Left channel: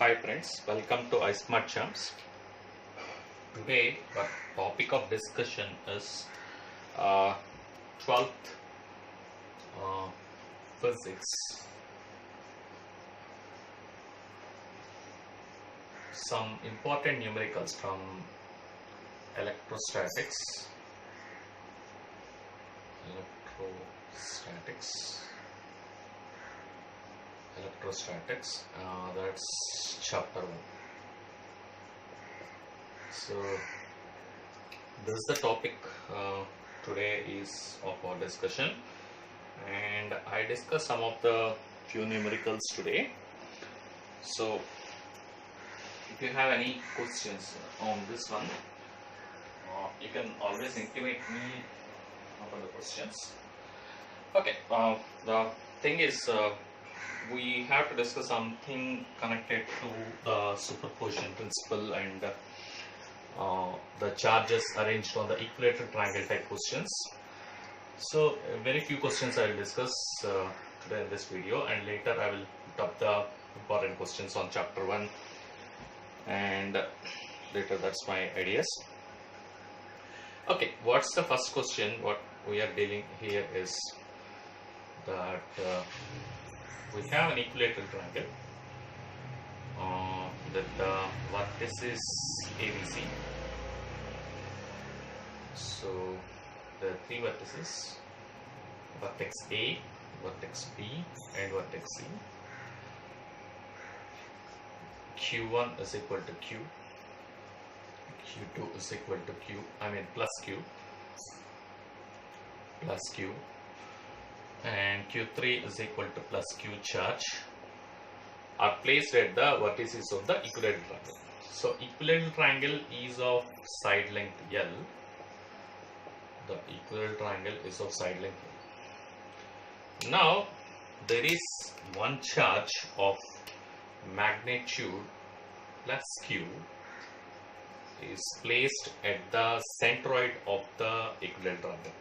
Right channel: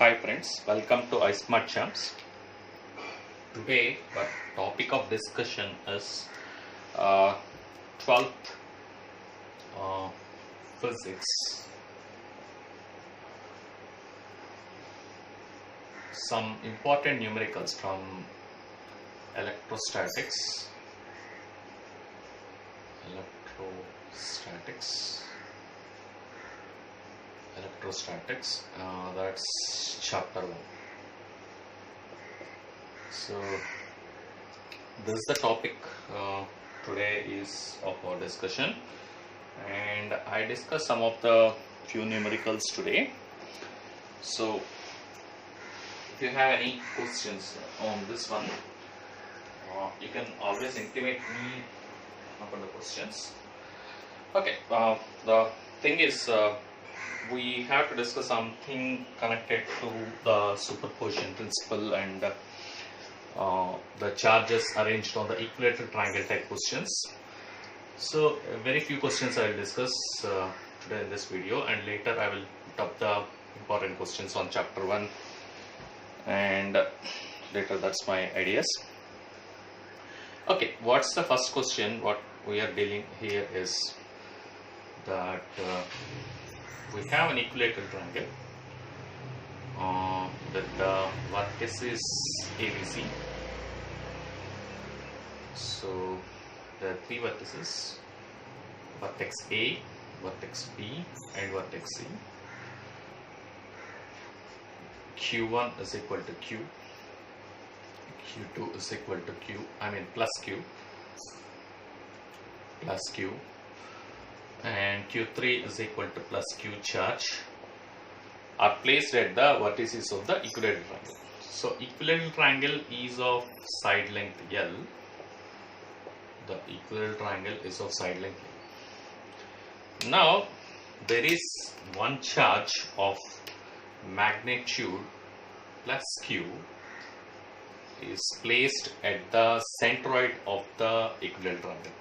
Hi friends, welcome to iSmart Champs. Today the topic of discussion is 12th physics. Some important numericals from electrostatics. Electrostatics, that's chapter 1. So this is the topic today is of our discussion, and I discussed some of the few numericals today. So if you have any questions on this one, you can always intimate me upon the questions. Okay, the thing is we have to discuss something connected to the superposition principle and the charges arranged on the equilateral triangle type questions. So very few questions I will discuss today in this video, and later I will put up the important questions on chapter 1, and later that's my ideas. Okay, what's the first question? What we are dealing here is that we have an equilateral triangle with the vertices ABC. So there are three vertices: vertex A, vertex B, and vertex C. Q1 is equal to Q, Q2 is equal to plus Q, and Q3 is equal to plus Q charge are placed at the vertices of the equilateral triangle. So equilateral triangle is of side length L. The equilateral triangle is of side length L. Now there is one charge of magnitude plus Q is placed at the centroid of the equilateral triangle.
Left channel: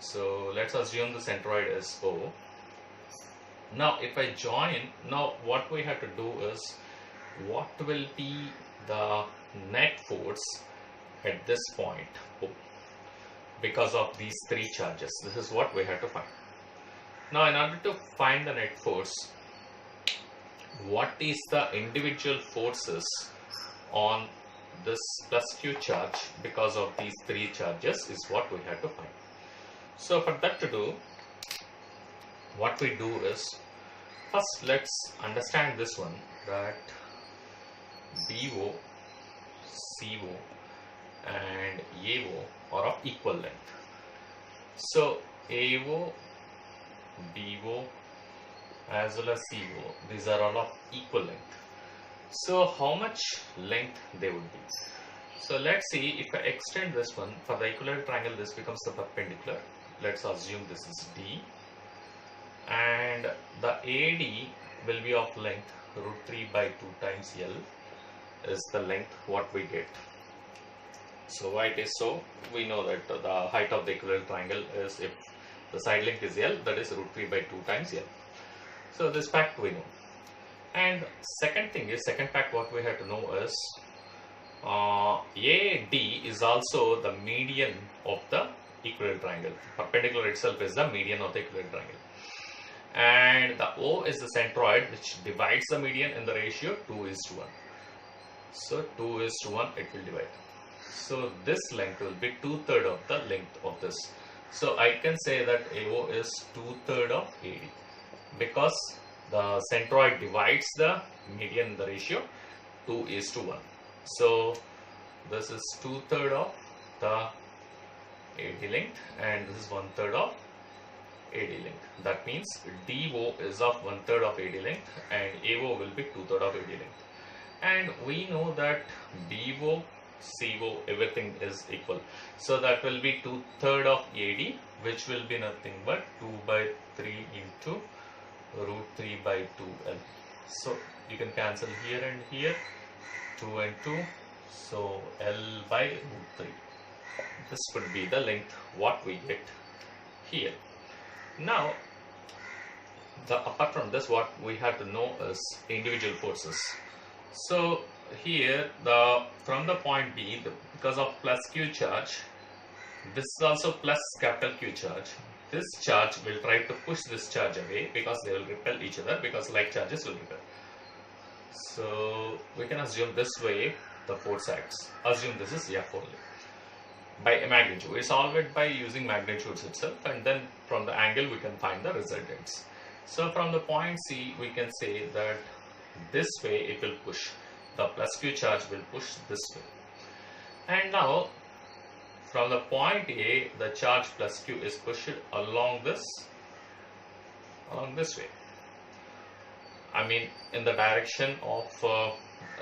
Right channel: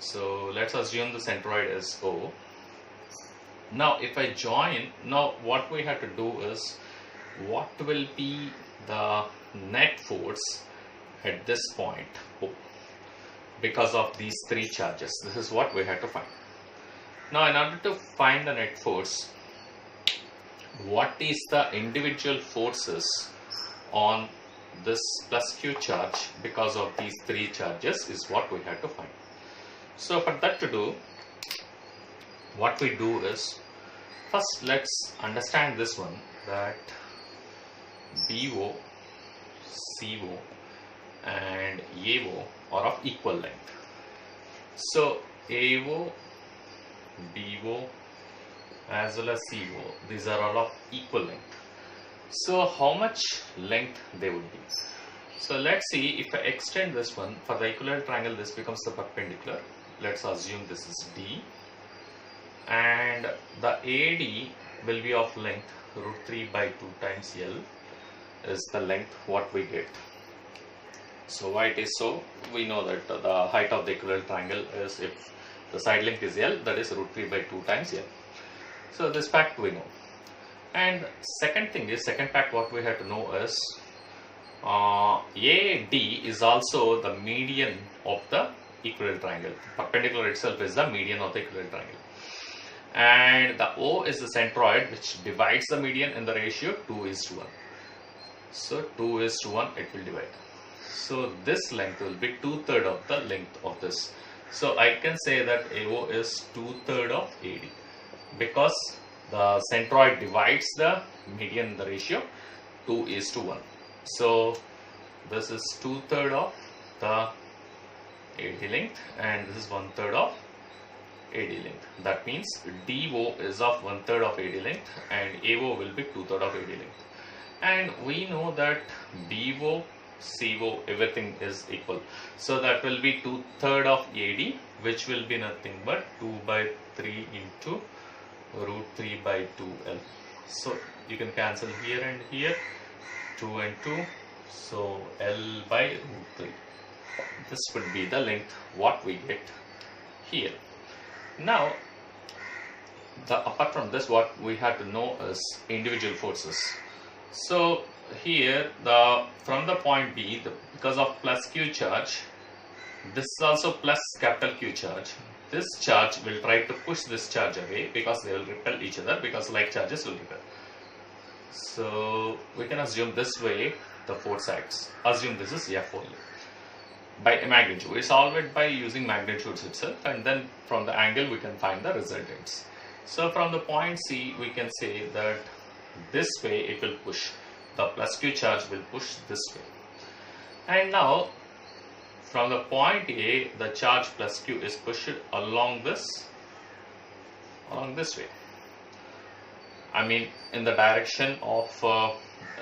So let's assume the centroid is O. Now if I join, now what we have to do is, what will be the net force at this point O because of these three charges? This is what we have to find. Now in order to find the net force, what is the individual forces on this plus Q charge because of these three charges is what we have to find. So for that to do, what we do is, first let's understand this one, that BO, CO and AO are of equal length. So AO, BO as well as CO, these are all of equal length. So how much length they would be? So let's see, if I extend this one, for the equilateral triangle this becomes the perpendicular. Let's assume this is D, and the AD will be of length √3 by 2 times L is the length what we get. So why it is so? We know that the height of the equilateral triangle is, if the side length is L, that is √3 by 2 times L. So this fact we know. And second fact what we have to know is AD is also the median of the equilateral triangle. Perpendicular itself is the median of the equilateral triangle, and the O is the centroid which divides the median in the ratio 2:1. So 2:1 it will divide. So this length will be 2/3 of the length of this. So I can say that AO is 2/3 of AD because the centroid divides the median in the ratio 2:1. So this is 2/3 of the AD length, and this is 1/3 of AD length. That means DO is of 1/3 of AD length and AO will be 2/3 of AD length. And we know that BO, CO, everything is equal. So that will be 2/3 of AD, which will be nothing but 2 by 3 into √3 by 2L. So you can cancel here and here, 2 and 2, so L by √3. This would be the length what we get here. Now apart from this, what we have to know is individual forces. So here from the point B, because of plus Q charge, this is also plus capital Q charge. This charge will try to push this charge away because they will repel each other, because like charges will repel. So we can assume this way the force acts. Assume this is F only. By a magnitude, we solve it by using magnitudes itself, and then from the angle we can find the resultants. So from the point C, we can say that this way it will push. The plus Q charge will push this way. And now from the point A, the charge plus Q is pushed along this way. I mean, in the direction of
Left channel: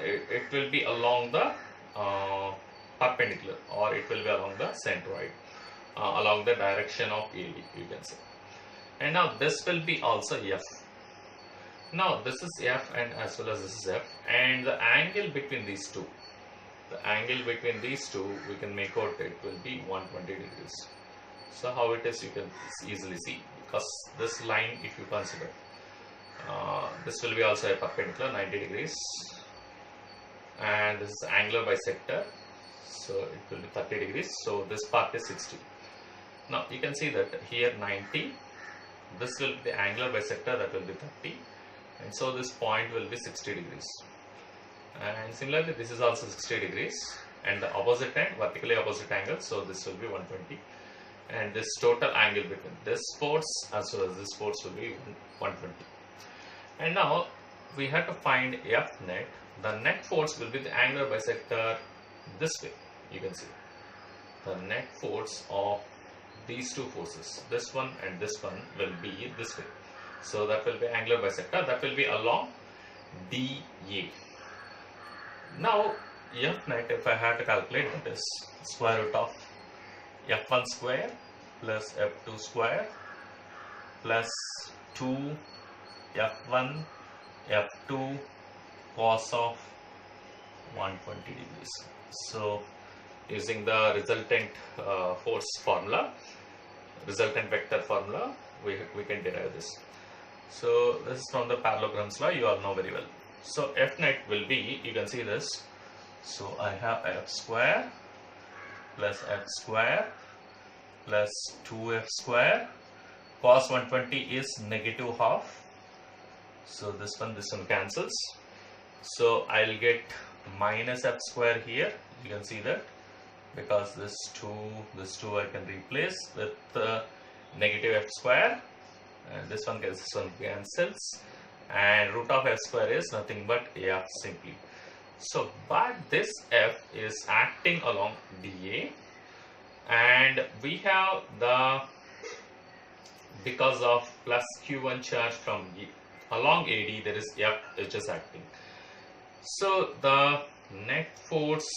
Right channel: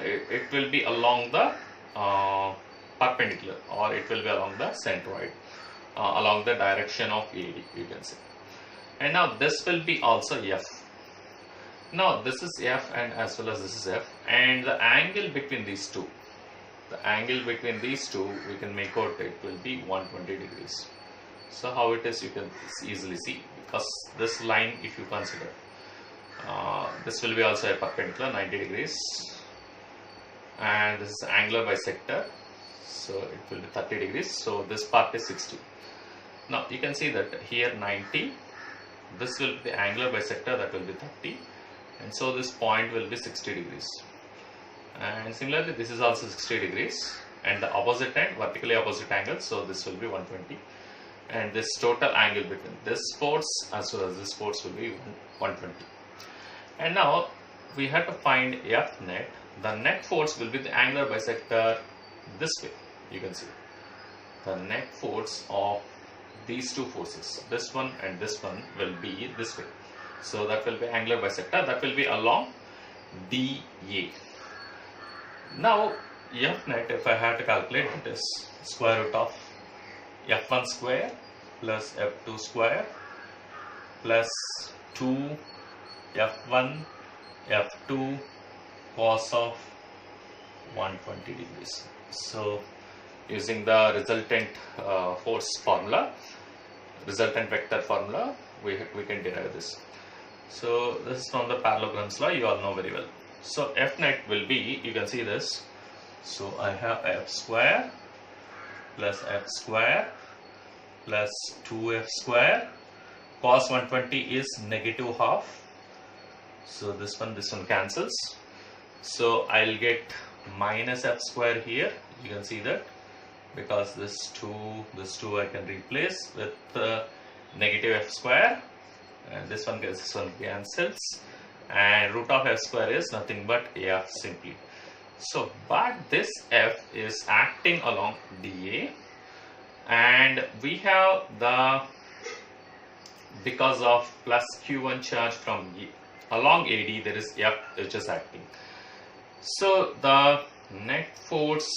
it will be along the perpendicular, or it will be along the centroid, along the direction of AD, you can say. And now this will be also F. Now this is F, and as well as this is F, and the angle between these two, we can make out it will be 120 degrees. So how it is, you can easily see, because this line, if you consider, this will be also a perpendicular 90 degrees, and this is angular bisector, so it will be 30 degrees. So this part is 60. Now you can see that here 90, this will be the angular bisector, that will be 30, and so this point will be 60 degrees. And similarly, this is also 60 degrees, and the opposite end, vertically opposite angle, so this will be 120, and this total angle between this force as well as this force will be 120. And now we have to find F net. The net force will be the angular bisector this way. You can see the net force of these two forces, this one and this one, will be this way. So that will be angular bisector, that will be along DA. Now F net, if I had to calculate it, is square root of F1 square plus F2 square plus 2 F1 F2 cos of 120 degrees. So using the resultant force formula, resultant vector formula, we can derive this. So this is from the parallelograms law, you all know very well. So F net will be, you can see this, so I have F square plus F square plus 2F square, cos 120 is negative half, so this one cancels, so I'll get minus F square here, you can see that, because this 2 I can replace with negative F square, and this one cancels, and root of F square is nothing but F simply. So but this F is acting along DA, and we have the, because of plus Q1 charge from along AD, there is F which is acting. So the net force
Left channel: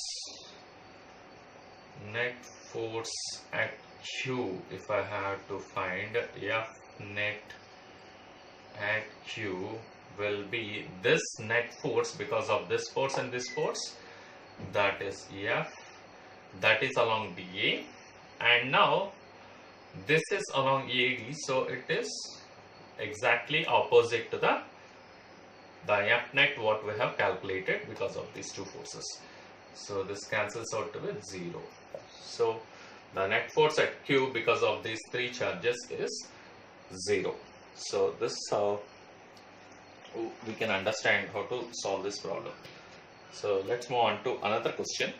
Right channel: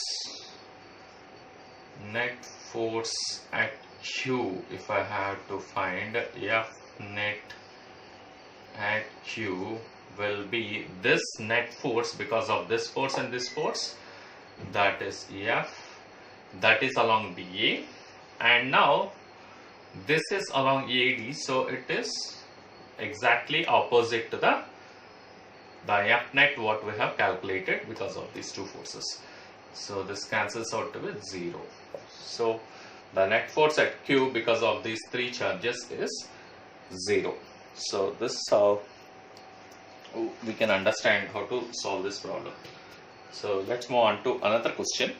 at Q, if I have to find F net at Q, will be this net force because of this force and this force, that is F, that is along DA, and now this is along AD, so it is exactly opposite to the F net what we have calculated because of these two forces. So this cancels out with 0. So the net force at Q because of these three charges is 0. So this is how we can understand how to solve this problem. So let's move on to another question.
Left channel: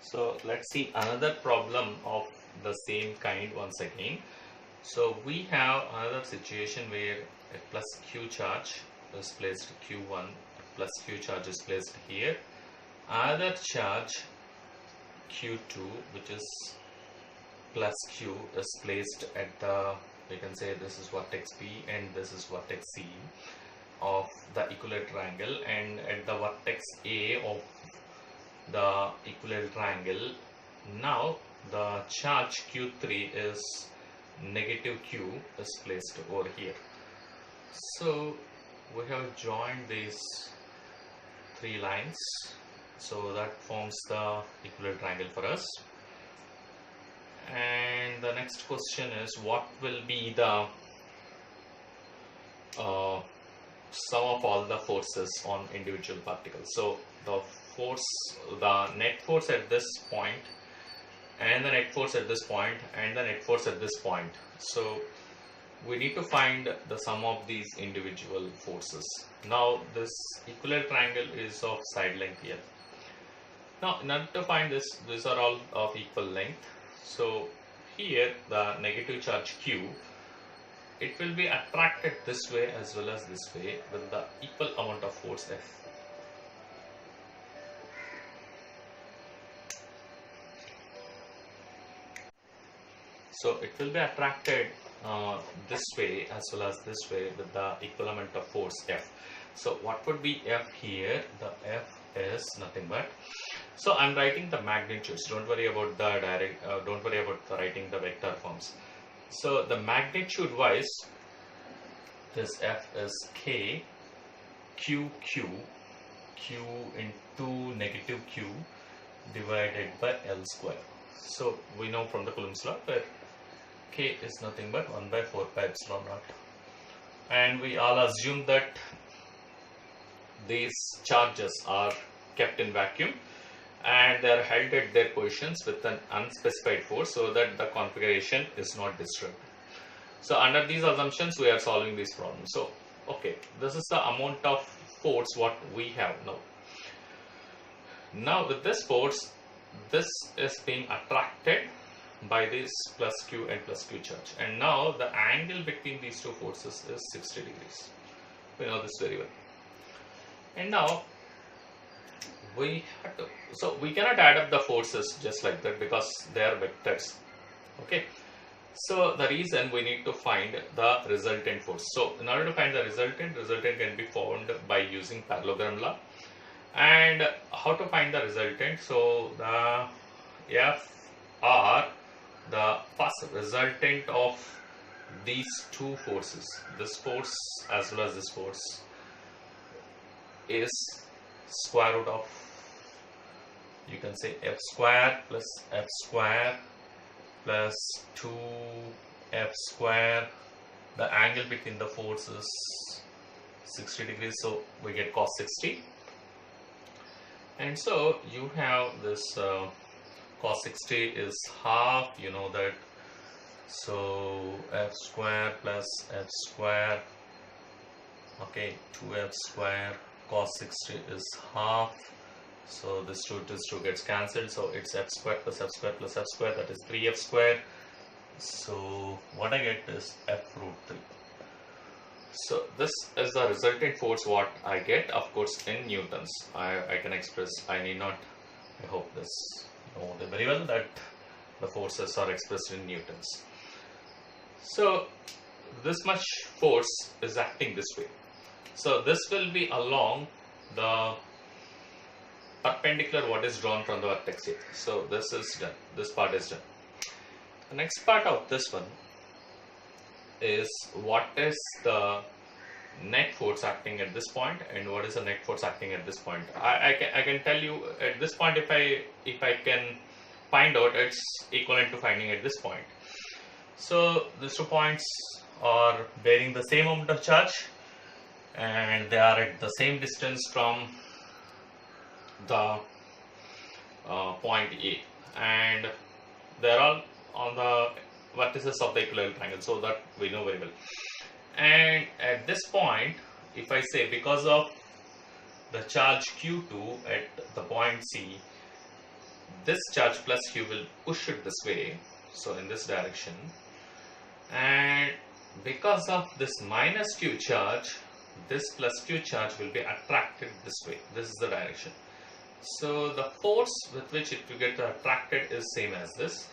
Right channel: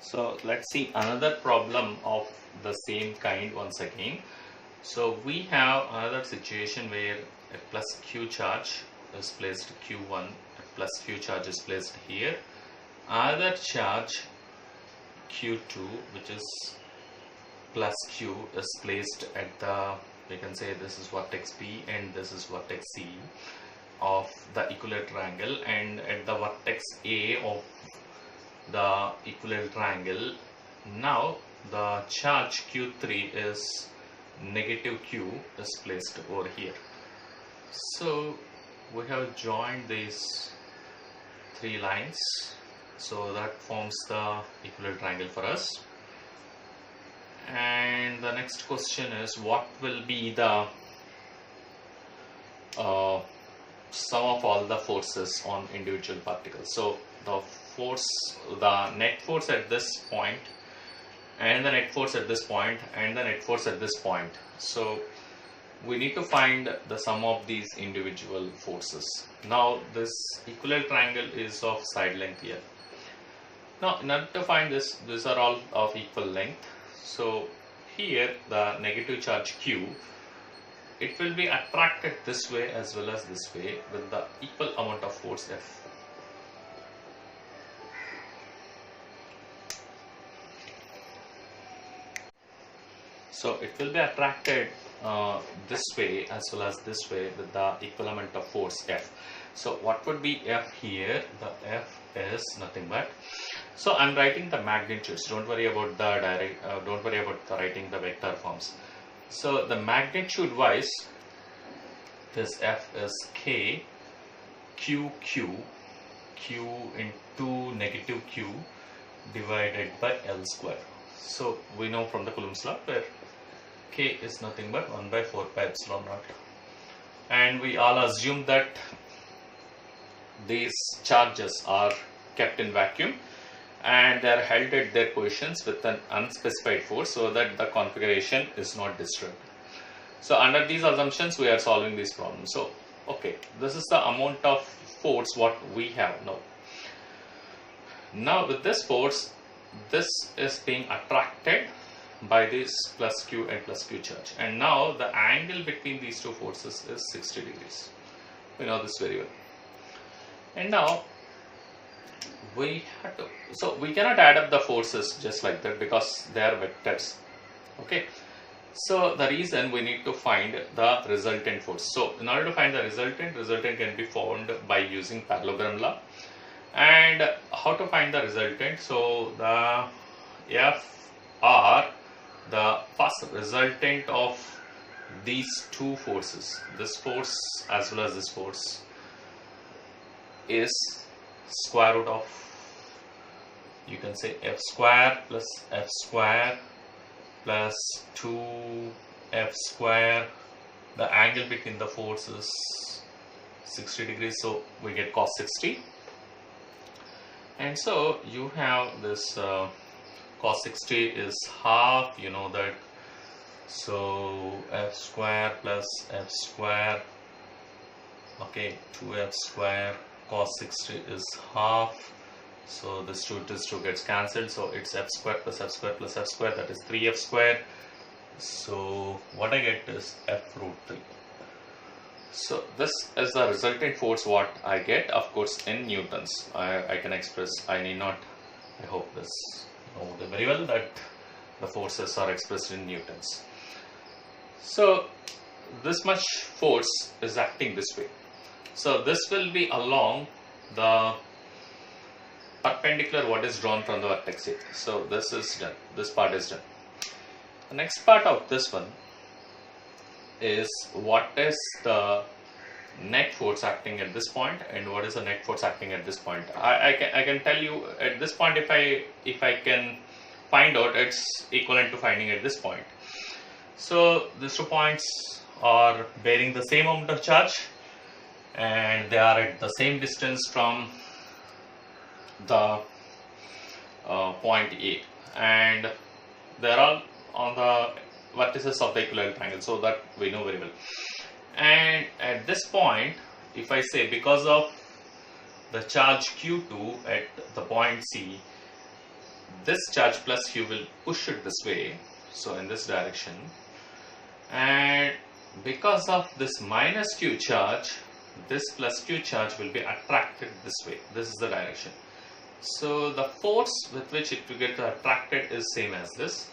So let's see another problem of the same kind once again. So we have another situation where a plus Q charge is placed Q1, a plus Q charge is placed here. Another charge Q2, which is plus Q, is placed at the, you can say this is vertex B and this is vertex C of the equilateral triangle, and at the vertex A of the equilateral triangle, now the charge Q3 is negative Q is placed over here. So we have joined these three lines, so that forms the equilateral triangle for us. And the next question is, what will be the sum of all the forces on individual particles. So the net force at this point, and the net force at this point, and the net force at this point. So we need to find the sum of these individual forces. Now this equilateral triangle is of side length here. Now in order to find this, these are all of equal length. So here the negative charge Q, it will be attracted this way as well as this way with the equal amount of force F. So it will be attracted this way as well as this way with the equal amount of force F. So what would be F here? The F is nothing but, so I'm writing the magnitudes. Don't worry about the writing the vector forms. So the magnitude wise, this F is K Q into negative Q divided by L square. So we know from the Coulomb's law where K is nothing but 1 by 4 pi epsilon naught. And we all assume that these charges are kept in vacuum and they are held at their positions with an unspecified force so that the configuration is not disturbed. So under these assumptions we are solving these problems. So okay, this is the amount of force what we have now. Now with this force, this is being attracted by this plus Q and plus Q charge, and now the angle between these two forces is 60 degrees. We know this very well. And now we have to, so we cannot add up the forces just like that because they are vectors. Okay, so the reason we need to find the resultant force. So in order to find the resultant can be found by using parallelogram law. And how to find the resultant? So the F are the first resultant of these two forces, this force as well as this force, is square root of, you can say, F square plus F square plus 2F square. The angle between the forces is 60 degrees, so we get cos 60. And so you have this cos 60 is half, you know that. So F square plus F square, okay, 2F square, cos 60 is half. So this 2 gets cancelled. So it's F square plus F square plus F square, that is 3F square. So what I get is F root 3. So this is the resultant force what I get, of course in newtons. I can express, I need not, I hope this know very well that the forces are expressed in newtons. So this much force is acting this way. So this will be along the perpendicular what is drawn from the vertex here. So this is done, this part is done. The next part of this one is what is the net force acting at this point and what is the net force acting at this point. I can tell you at this point, if I can find out, it's equivalent to finding at this point. So these 2 points are bearing the same amount of charge and they are at the same distance from the point A, and they are all on the vertices of the equilateral triangle, so that we know very well. And at this point, if I say because of the charge Q2 at the point C, this charge plus Q will push it this way, so in this direction, and because of this minus Q charge, this plus Q charge will be attracted this way. This is the direction. So the force with which it will get attracted is same as this,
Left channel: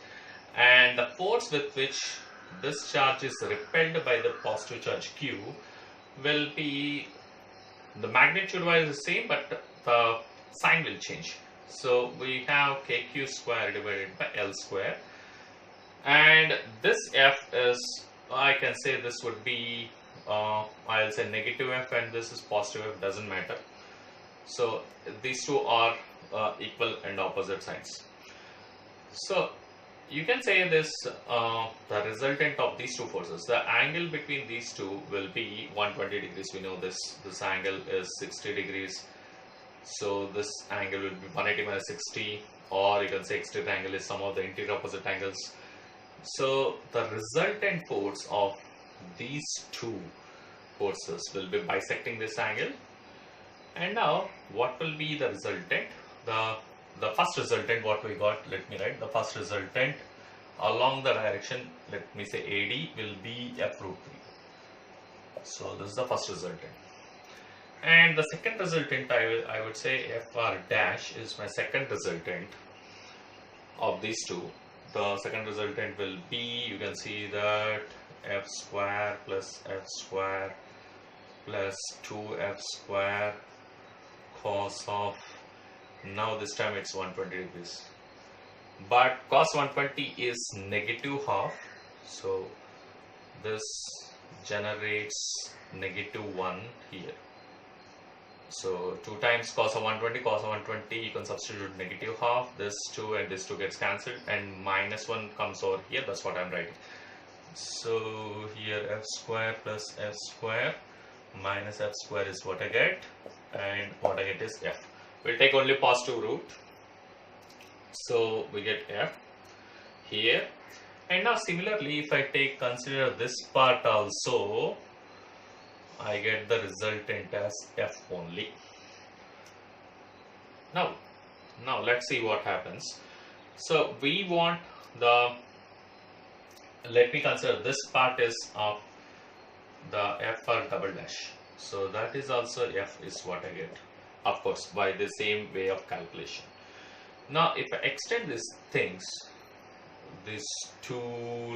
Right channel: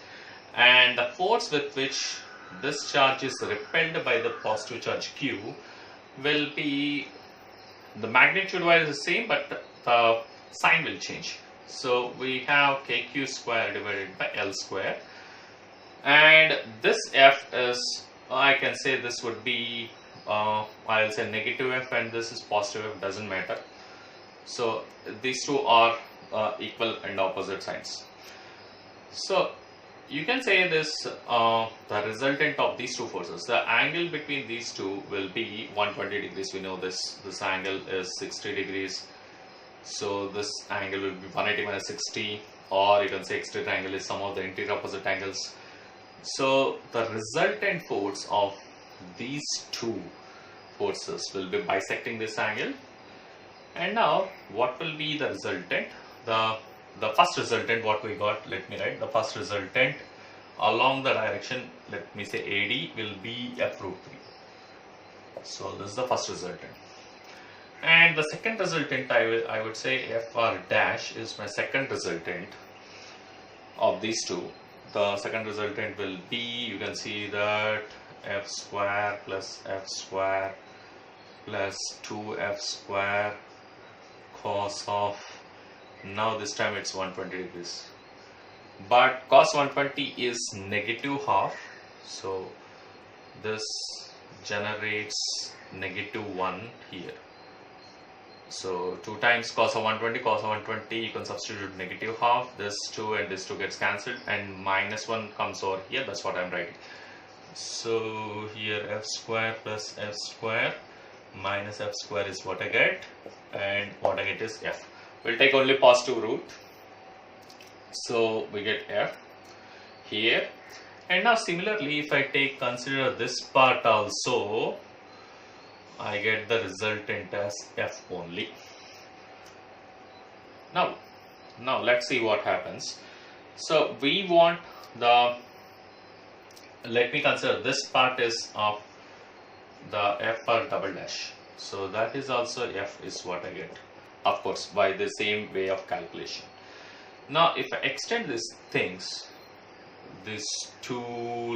and the force with which this charge is repelled by the positive charge Q will be, the magnitude wise is the same, but the sign will change. So we have KQ square divided by L square, and this F is, I can say this would be, I'll say negative F and this is positive F, doesn't matter. So these two are equal and opposite signs. So you can say this, the resultant of these two forces, the angle between these two will be 120 degrees. We know this angle is 60 degrees. So this angle will be 180 minus 60, or you can say exterior angle is sum of the interior opposite angles. So the resultant force of these two forces will be bisecting this angle. And now what will be the resultant? The first resultant, what we got, let me write, the first resultant along the direction, let me say AD, will be F root 3. So this is the first resultant. And the second resultant, I would say FR dash is my second resultant of these two. The second resultant will be, you can see that F square plus F square plus 2F square cos of, now this time it's 120 degrees. But cos 120 is negative half. So this generates -1 here. So 2 times cos of 120, you can substitute negative half, this 2 and this 2 gets cancelled, and -1 comes over here, that's what I'm writing. So here F square plus F square minus F square is what I get, and what I get is F. We'll take only positive root, so we get F here. And now similarly, if I consider this part also, I get the resultant as F only. Now let's see what happens. So we want the, let me consider this part is of the FR double dash. So that is also F is what I get, of course, by the same way of calculation. Now if I extend these things, these two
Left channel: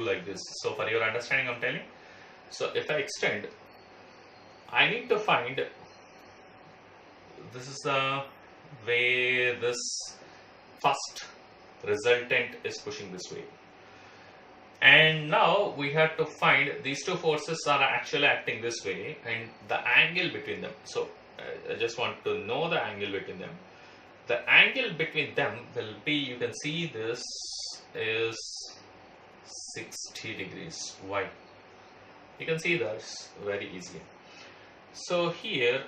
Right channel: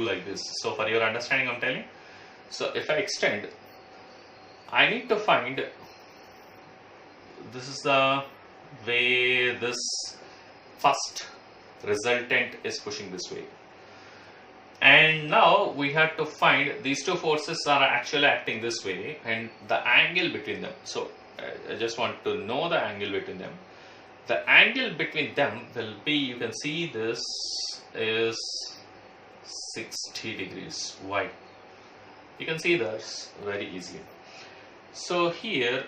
like this, so for your understanding I'm telling, so if I extend, I need to find, this is the way this first resultant is pushing this way. And now we have to find these two forces are actually acting this way and the angle between them. So I just want to know the angle between them. The angle between them will be, you can see this is 60 degrees. Why? You can see this very easily. So here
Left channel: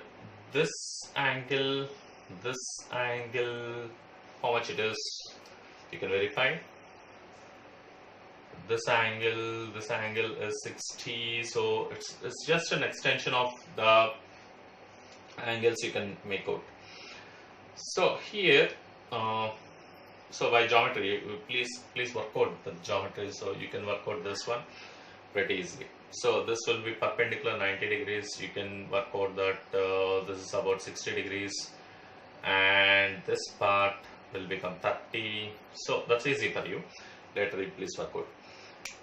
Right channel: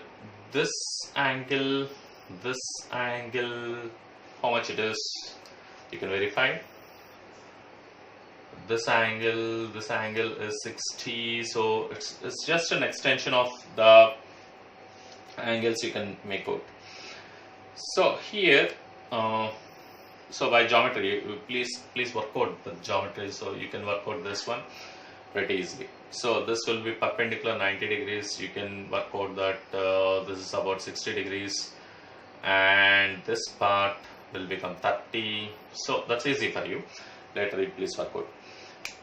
this angle, how much it is, you can verify. This angle is 60, so it's just an extension of the angles you can make out. So here, so by geometry, please work out the geometry, so you can work out this one pretty easily. So this will be perpendicular 90 degrees. You can work out that this is about 60 degrees, and this part will become 30. So that's easy for you. Later, please work out.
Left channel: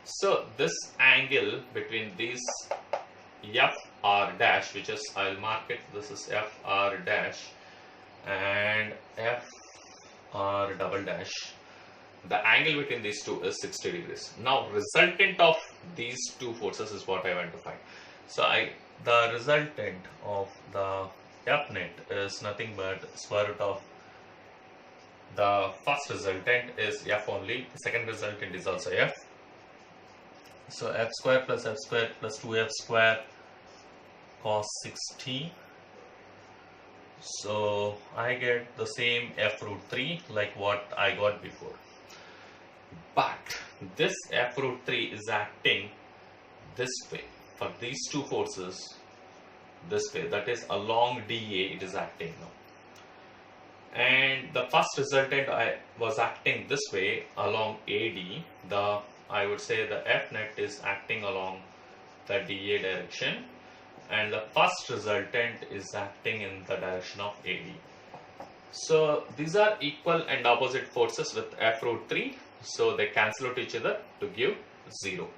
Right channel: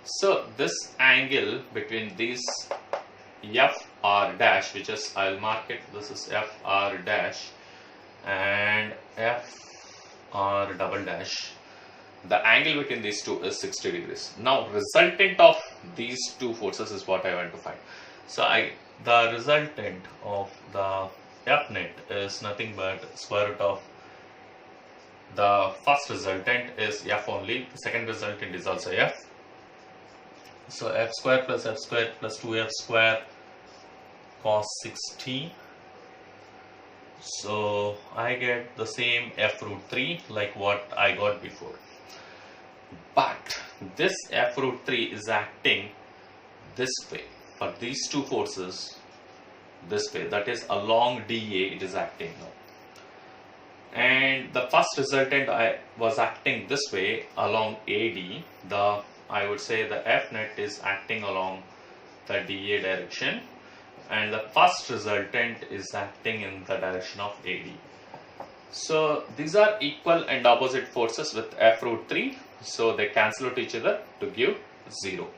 So this angle between these FR dash, which is, I'll mark it, this is FR dash and FR double dash, the angle between these two is 60 degrees. Now resultant of these two forces is what I want to find. So the resultant of the F net is nothing but square root of the first resultant is F only, the second resultant is also F. So F square plus 2F square cos 60. So I get the same F root 3 like what I got before. But this F root 3 is acting this way for these two forces, this way, that is along DA it is acting now. And the first resultant I was acting this way along AD, I would say the F net is acting along the DA direction, and the first resultant is acting in the direction of AD. So these are equal and opposite forces with F root 3, so they cancel out each other to give 0.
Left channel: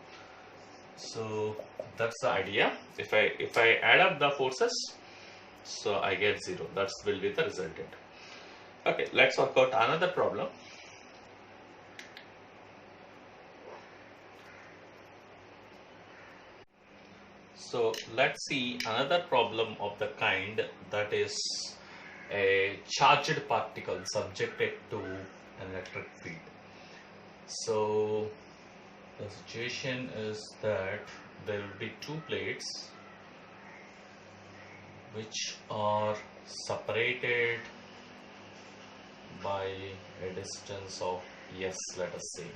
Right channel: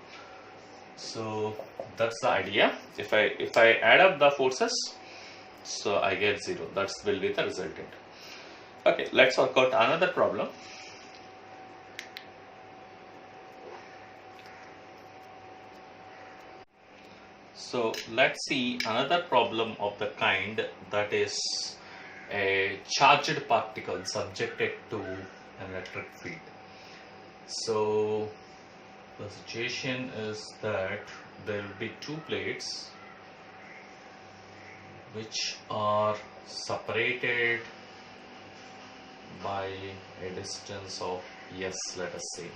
So that's the idea. If I add up the forces, so I get 0. That will be the resultant. Okay, let's work out another problem. So let's see another problem of the kind, that is a charged particle subjected to an electric field. So the situation is that there will be two plates which are separated by a distance of s, let us say.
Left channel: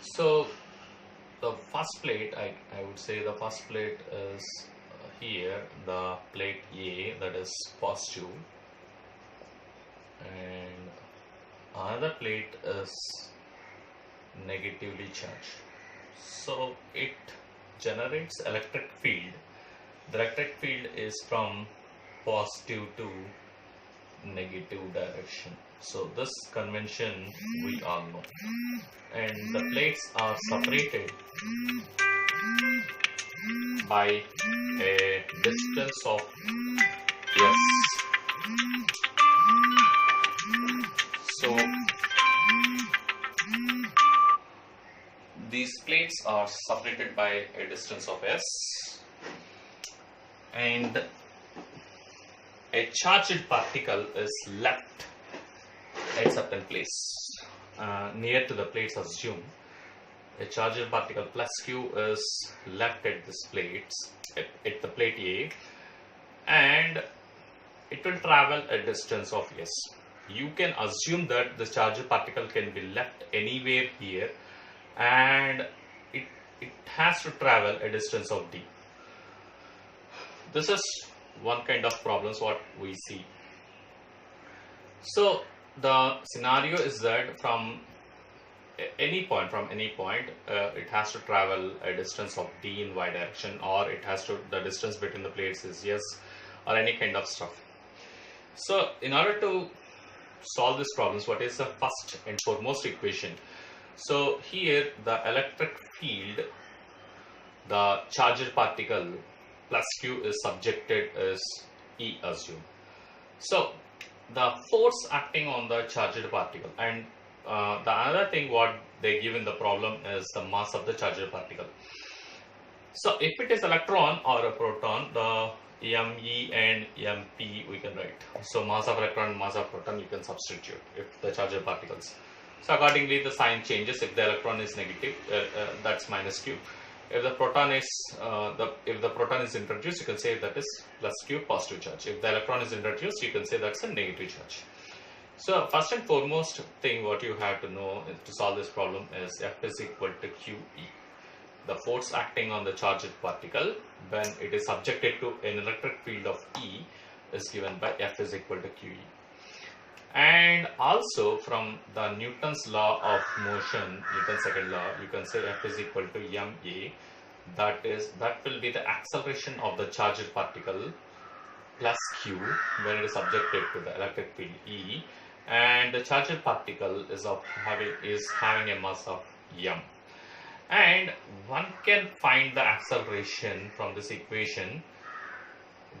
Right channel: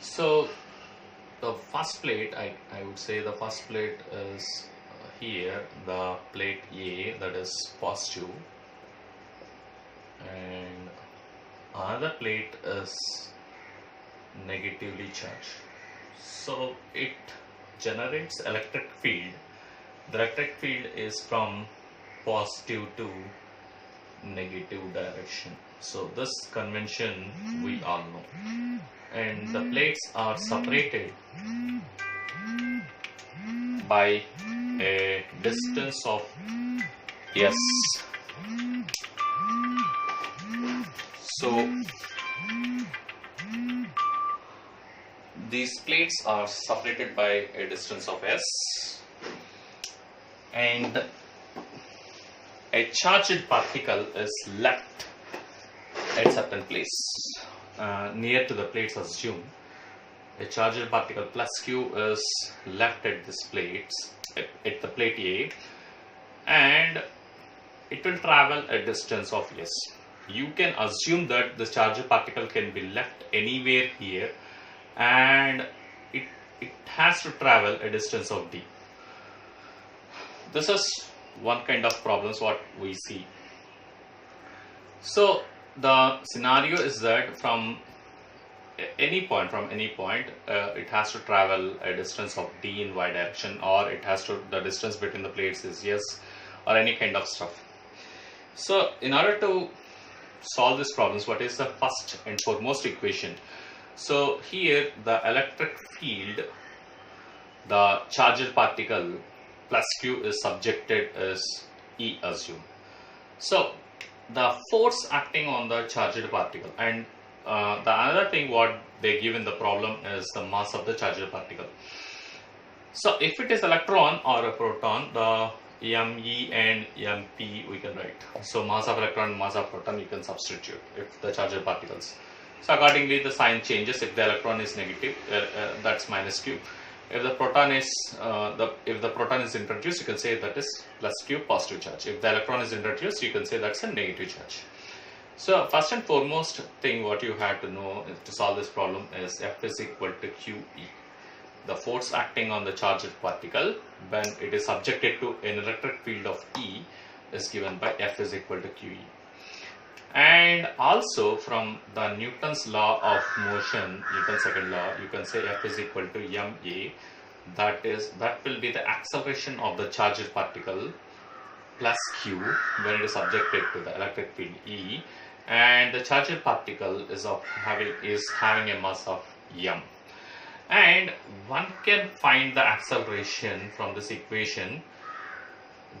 So the first plate, I would say the first plate is here, the plate A, that is positive, and another plate is negatively charged. So it generates electric field. The electric field is from positive to negative direction. So this convention we all know. And the plates are separated by a distance of s. So these plates are separated by a distance of s, and a charged particle is left at certain place near to the plates. Assume a charged particle plus q is left at this plates at the plate A, and it will travel a distance of s. You can assume that the charged particle can be left anywhere here, and it has to travel a distance of d. This is one kind of problems what we see. So the scenario is that from any point, it has to travel a distance of d in y direction, or it has to, the distance between the plates is s, or any kind of stuff. So in order to solve these problems, what is the first and foremost equation? So here the electric field, the charged particle plus q is subjected as E, assume. So the force acting on the charged particle, and the another thing what they give in the problem is the mass of the charged particle. So if it is electron or a proton, the me and mp we can write. So mass of electron, mass of proton you can substitute if the charged particles. So accordingly the sign changes. If the electron is negative, that's minus q. If the proton is introduced, you can say that is plus q, positive charge. If the electron is introduced, you can say that's a negative charge. So first and foremost thing what you have to know to solve this problem is F is equal to QE. The force acting on the charged particle when it is subjected to an electric field of E is given by F is equal to QE. And also from the Newton's law of motion, Newton's second law, you can say F is equal to ma. That will be the acceleration of the charged particle plus q when it is subjected to the electric field E, and the charged particle is having a mass of m. And one can find the acceleration from this equation,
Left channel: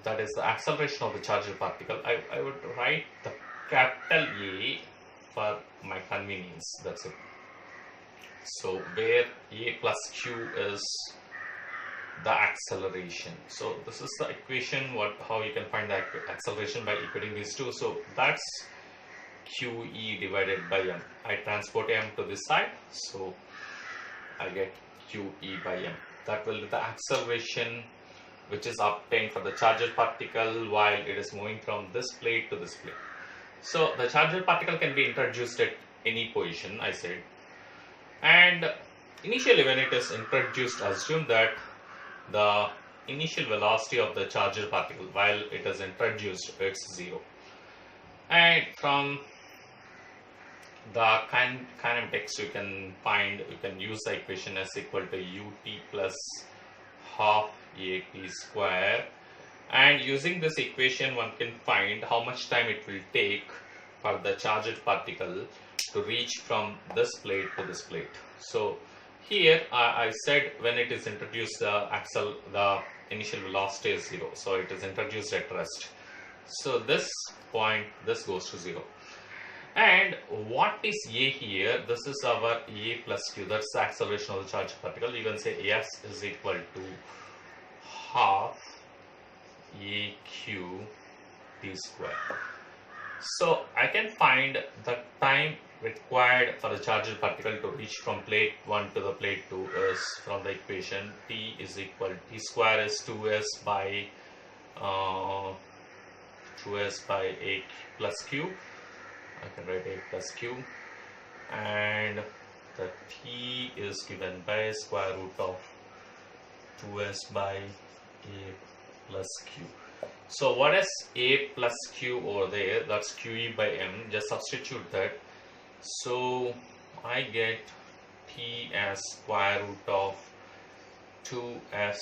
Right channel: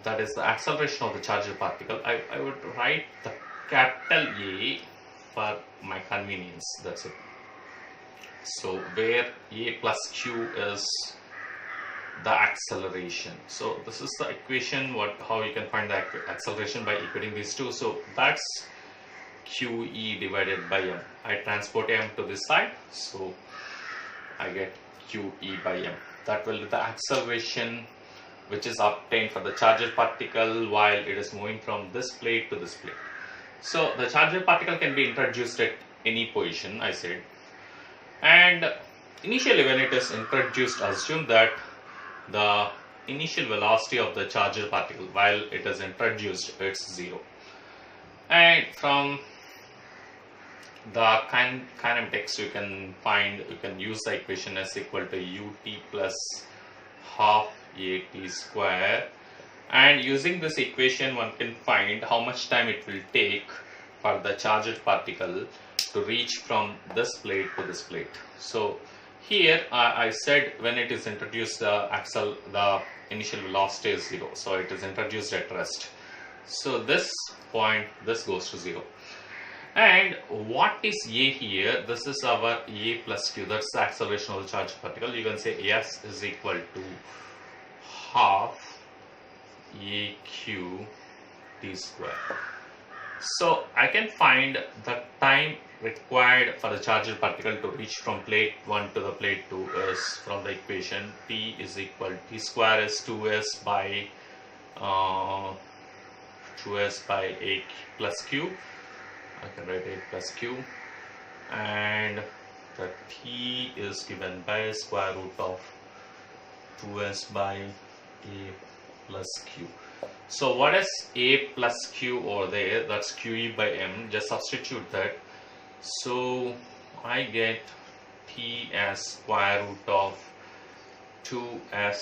that is the acceleration of the charged particle. I would write the capital A for my convenience, that's it. So where A plus Q is the acceleration. So this is the equation how you can find the acceleration by equating these two. So that's QE divided by m. I transport m to this side, so I get QE by m. That will be the acceleration which is obtained for the charged particle while it is moving from this plate to this plate. So the charged particle can be introduced at any position, I said, and initially when it is introduced, assume that the initial velocity of the charged particle while it is introduced, it's 0. And from the kinematics you can use the equation as equal to ut plus half at square, and using this equation one can find how much time it will take for the charged particle to reach from this plate to this plate. So here I said when it is introduced, the initial velocity is 0, so it is introduced at rest. So this point, this goes to 0. And what is A here? This is our A plus Q, that's the acceleration of the charged particle. You can say S is equal to half AQ t square. So I can find the time required for the charged particle to reach from plate 1 to the plate 2 is from the equation T is equal T square is 2s by uh, 2s by a plus q. I can write a plus q, and the T is given by square root of 2s by a plus q. So what is a plus q over there? That's QE by m. Just substitute that. So I get T as square root of 2s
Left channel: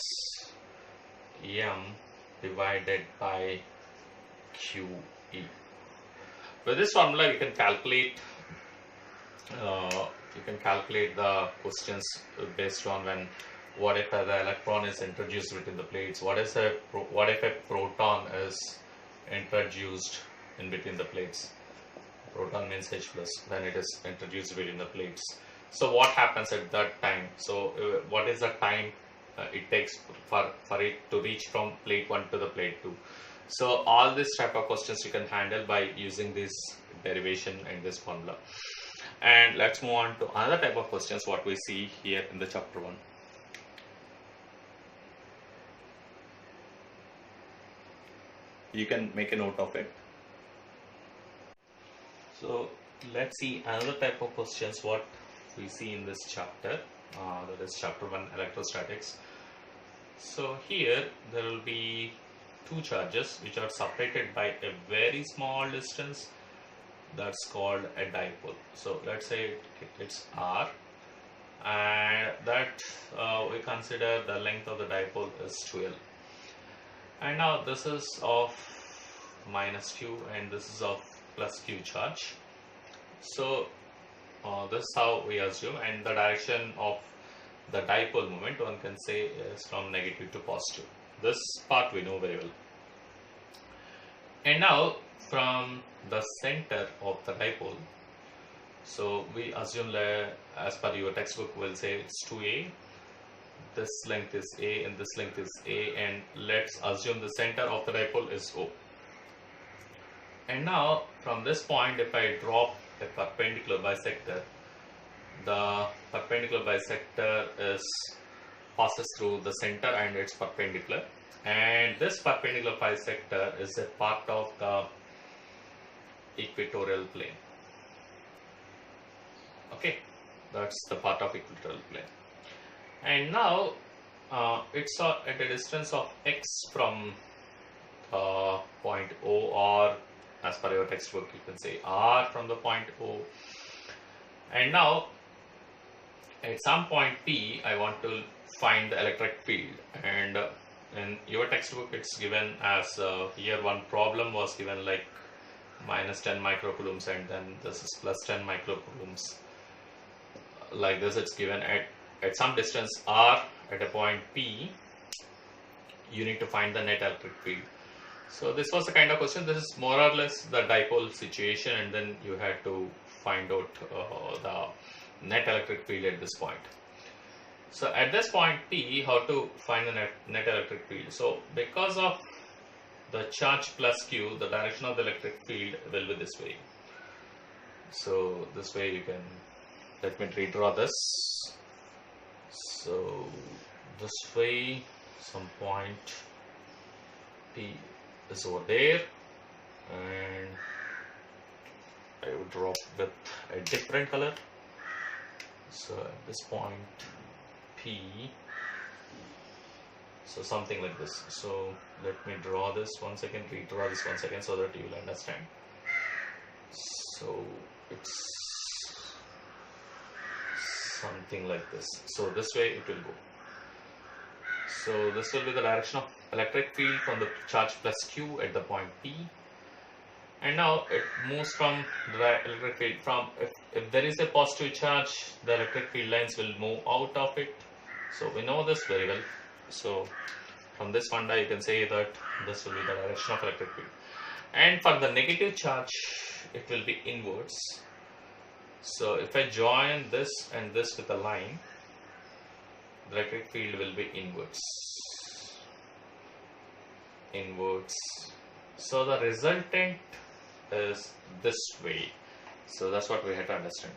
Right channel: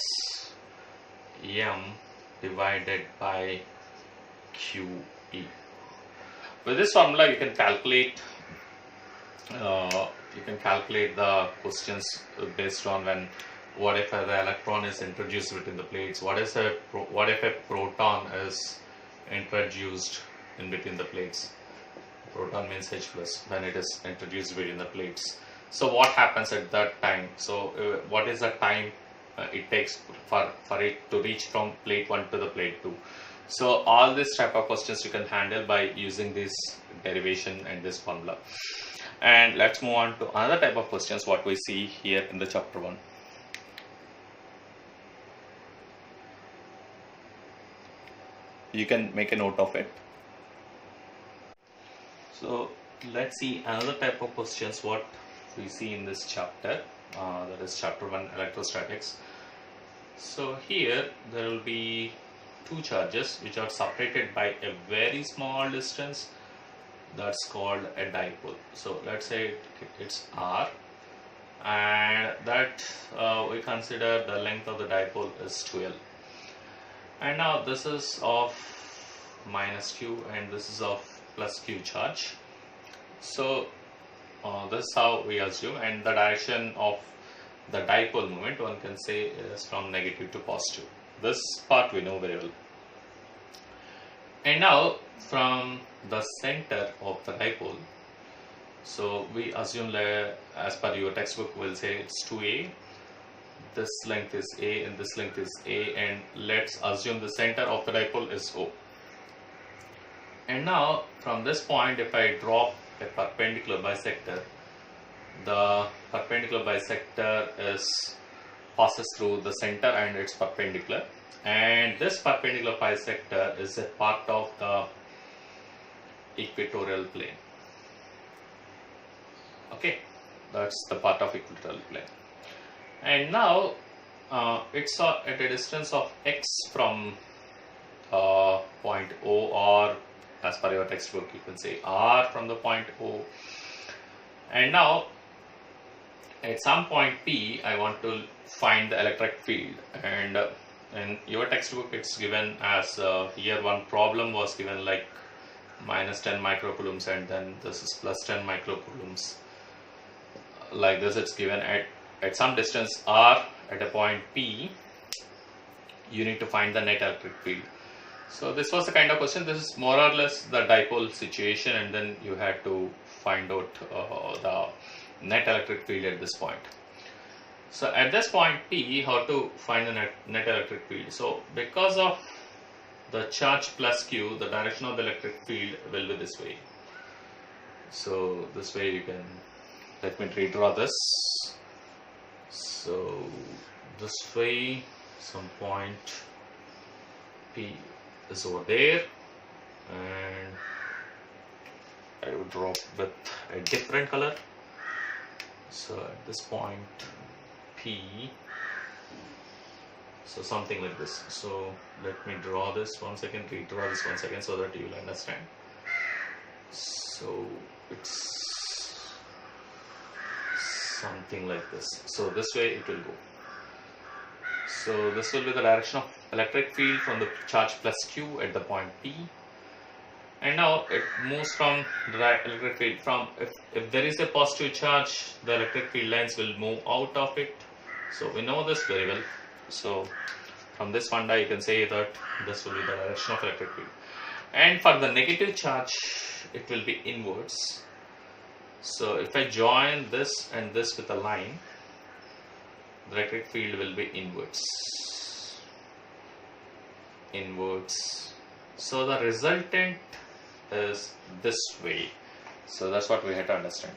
m divided by QE. With this formula, you can calculate the questions based on when. What if the electron is introduced between the plates? What if a proton is introduced in between the plates? Proton means H plus when it is introduced between the plates. So what happens at that time? So what is the time it takes for it to reach from plate 1 to the plate 2? So all this type of questions you can handle by using this derivation and this formula. And let's move on to another type of questions what we see here in the chapter 1. You can make a note of it. So let's see another type of questions what we see in this chapter, that is chapter 1, electrostatics. So here there will be two charges which are separated by a very small distance, that's called a dipole. So let's say it's r, and that we consider the length of the dipole is 12. And now this is of minus q and this is of plus q charge. So this is how we assume, and the direction of the dipole moment one can say is from negative to positive. This part we know very well. And now from the center of the dipole, so we assume that as per your textbook we'll say it's 2a. This length is a and this length is a, and let's assume the center of the dipole is O. And now from this point, if I drop a perpendicular bisector, the perpendicular bisector passes through the center and it's perpendicular, and this perpendicular bisector is a part of the equatorial plane. Okay, that's the part of equatorial plane. And now it's at a distance of x from point O, or as per your textbook you can say r from the point O. And now at some point P I want to find the electric field, and in your textbook it's given as here one problem was given like minus 10 microcoulombs and then this is plus 10 microcoulombs. Like this it's given at some distance r at a point P, you need to find the net electric field. So this was the kind of question. This is more or less the dipole situation, and then you had to find out the net electric field at this point. So at this point P, how to find the net electric field? So because of the charge plus Q, the direction of the electric field will be this way. So this way you can, let me redraw this. So this way some point P is over there, and I would draw with a different color. So at this point P, so something like this. So let me draw this once again, redraw this once again so that you will understand. So it's something like this. So this way it will go. So this will be the direction of electric field from the charge plus Q at the point P. And now it moves from the electric field from, if there is a positive charge, the electric field lines will move out of it. So we know this very well. So from this formula you can say that this will be the direction of electric field. And for the negative charge it will be inwards. So if I join this and this with a line, the electric field will be inwards. So the resultant is this way. So that's what we have to understand.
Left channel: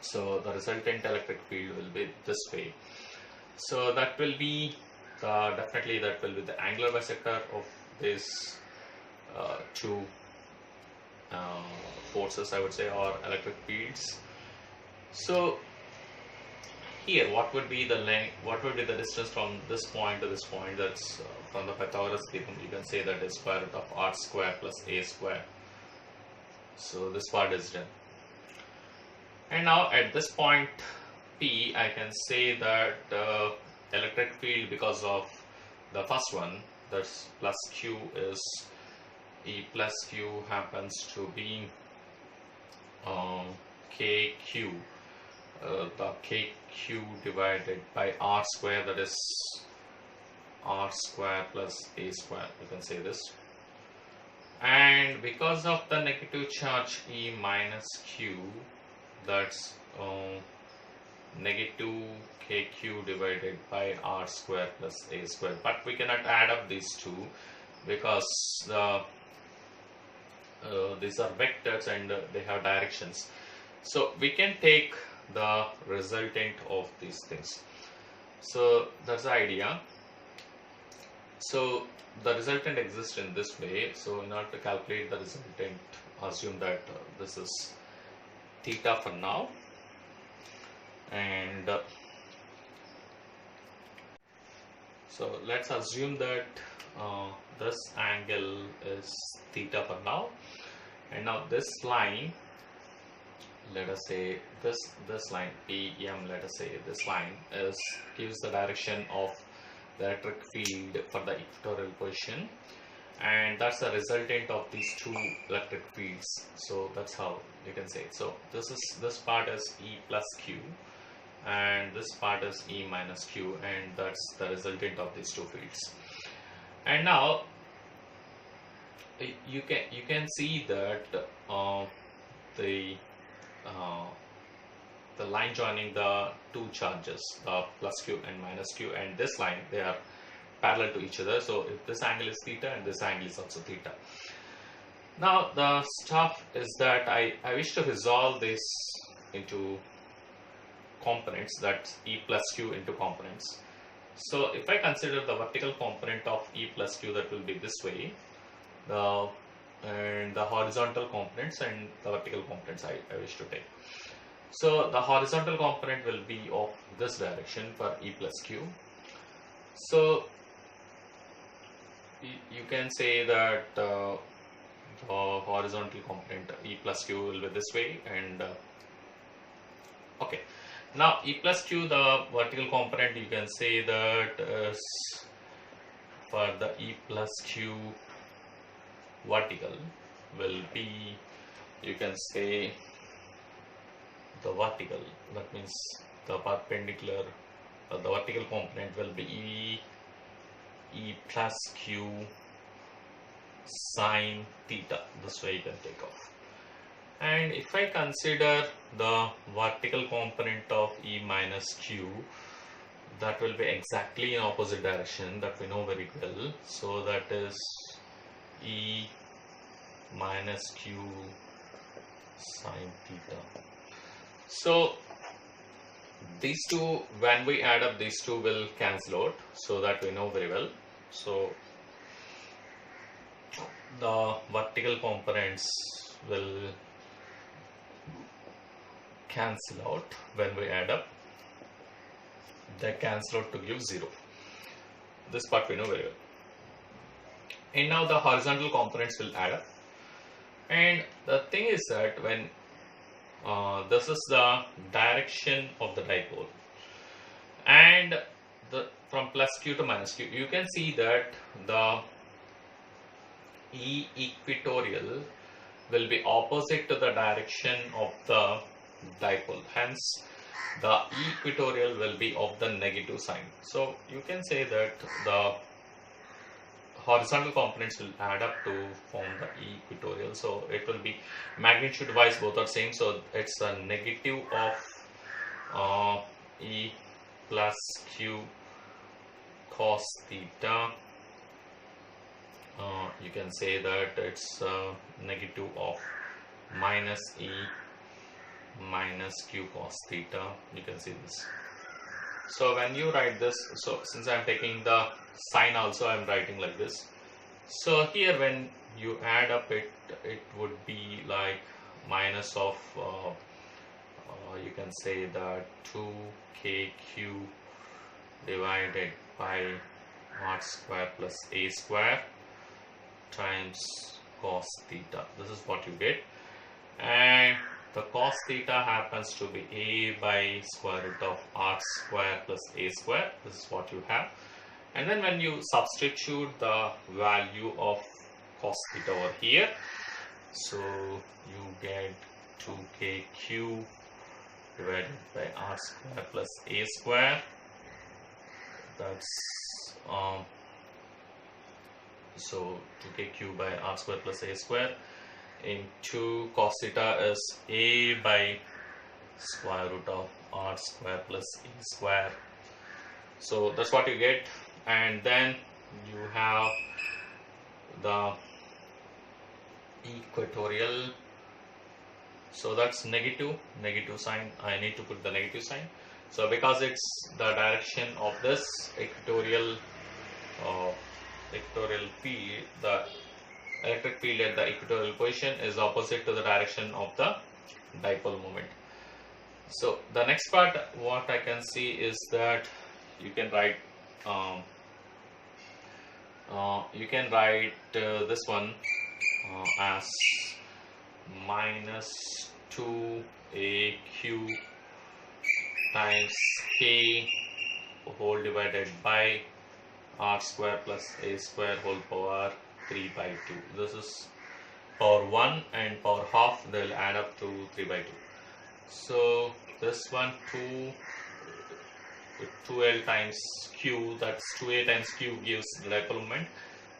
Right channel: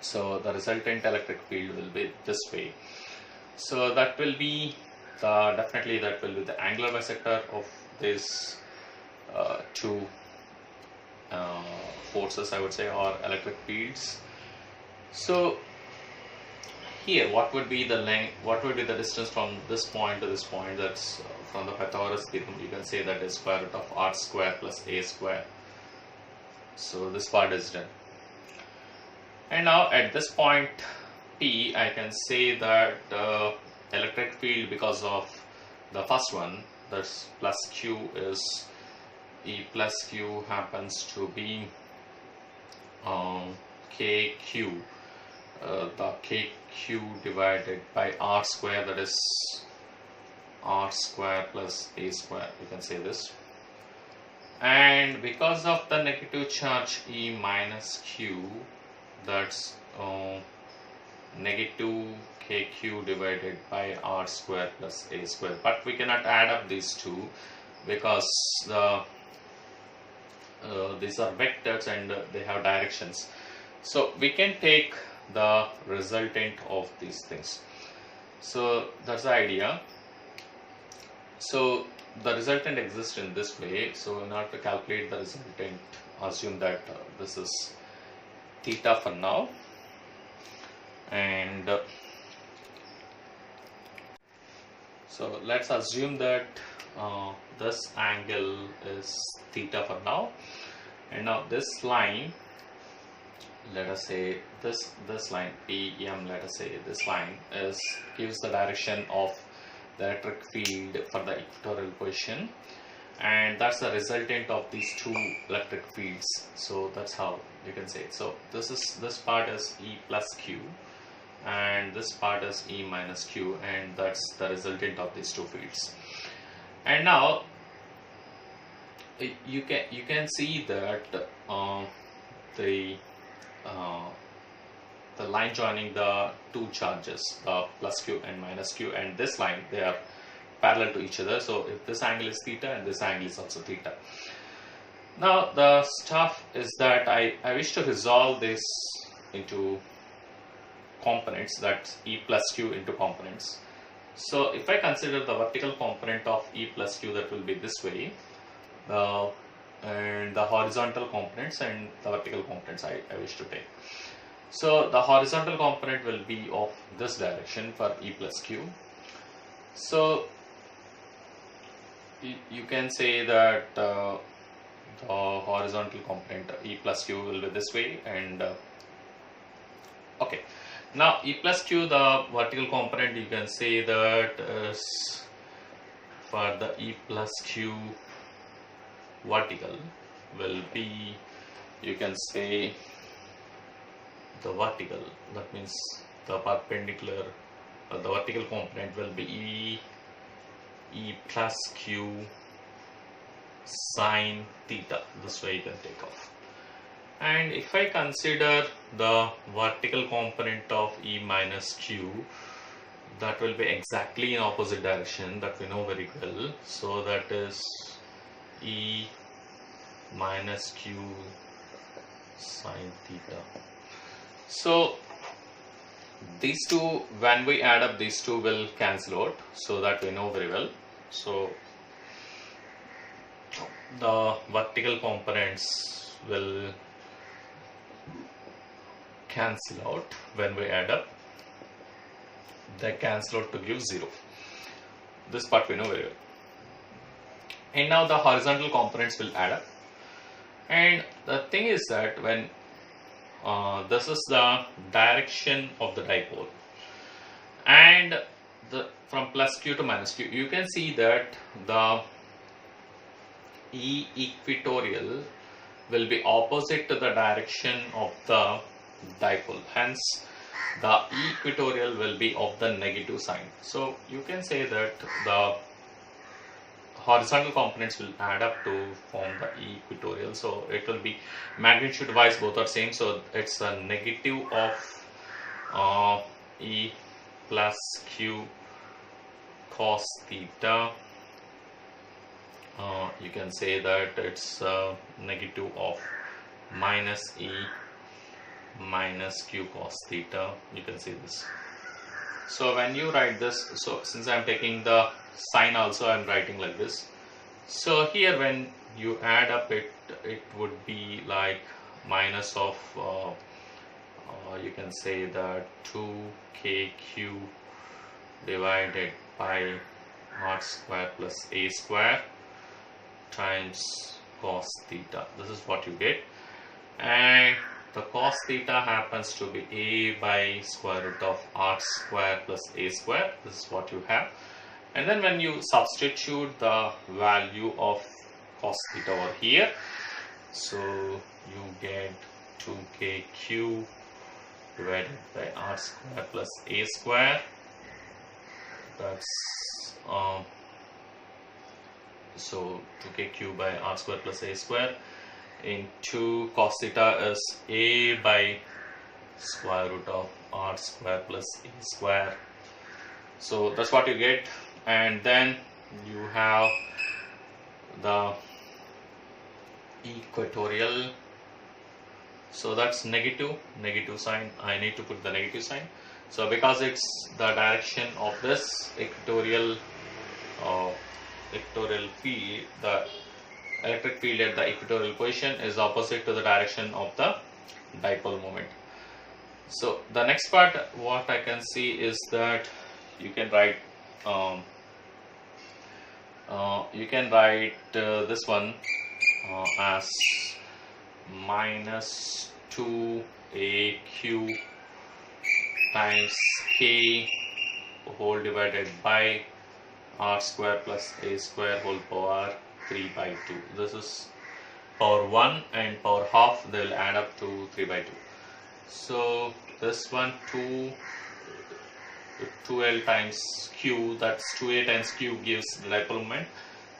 So the resultant electric field will be this way. So that will be definitely that will be the angular bisector of these two forces, I would say, or electric fields. So here, what would be the length? What would be the distance from this point to this point? That's from the Pythagoras theorem. You can say that is square root of r square plus a square. So this part is done. And now at this point P, I can say that electric field, because of the first one, that's plus Q, is E plus Q happens to be KQ. The KQ divided by r square, that is r square plus a square, you can say this. And because of the negative charge E minus Q, that's negative KQ divided by r square plus a square. But we cannot add up these two because these are vectors and they have directions. So we can take the resultant of these things. So that's the idea. So the resultant exists in this way. So in order to calculate the resultant, assume that this is theta for now, and so let's assume that this angle is theta for now, and now this line, let us say this line PM, let us say this line gives the direction of the electric field for the equatorial position, and that's the resultant of these two electric fields. So that's how you can say it. So this part is E plus Q, and this part is E minus Q, and that's the resultant of these two fields. And now you can see that the line joining the two charges, the plus Q and minus Q, and this line, they are parallel to each other. So if this angle is theta and this angle is also theta. Now the stuff is that I wish to resolve this into components, that's E plus Q into components. So if I consider the vertical component of E plus Q, that will be this way, and the horizontal components and the vertical components I wish to take. So the horizontal component will be of this direction for E plus Q. So you can say that the horizontal component E plus Q will be this way, and okay. Now E plus Q, the vertical component, you can say that is for the E plus Q vertical will be, you can say the vertical, that means the perpendicular, the vertical component will be E plus Q sine theta. This way you can take off. And if I consider the vertical component of E minus Q, that will be exactly in opposite direction, that we know very well. So that is E minus Q sine theta. So these two, when we add up, these two will cancel out, so that we know very well. So the vertical components will cancel out when we add up. They cancel out to give 0. This part we know very well. And now the horizontal components will add up. And the thing is that when this is the direction of the dipole, and from plus Q to minus Q, you can see that the E equatorial will be opposite to the direction of the dipole. Hence, the equatorial will be of the negative sign. So you can say that the horizontal components will add up to form the equatorial. So it will be magnitude wise, both are same. So it's a negative of E plus Q cos theta you can say that it's negative of minus E minus q cos theta. You can see this. So when you write this, so since I am taking the sign also, I am writing like this. So here when you add up it would be like minus of you can say that 2kq divided by r square plus a square times cos theta. This is what you get, and the cos theta happens to be a by square root of r square plus a square. This is what you have. And then when you substitute the value of cos theta over here, so you get 2kq divided by r square plus a square. That's so 2kq by r square plus a square into cos theta is a by square root of r square plus a square. So that's what you get. And then you have the equatorial, so that's negative sign. I need to put the negative sign. So because it's the direction of this equatorial field, the electric field at the equatorial position is opposite to the direction of the dipole moment. So the next part what I can see is that you can write this one as minus 2aq times k whole divided by r square plus a square whole power 3 by 2. This is power 1 and power half, they will add up to 3 by 2. So this one 2l times q, that's 2a times q gives the dipole moment.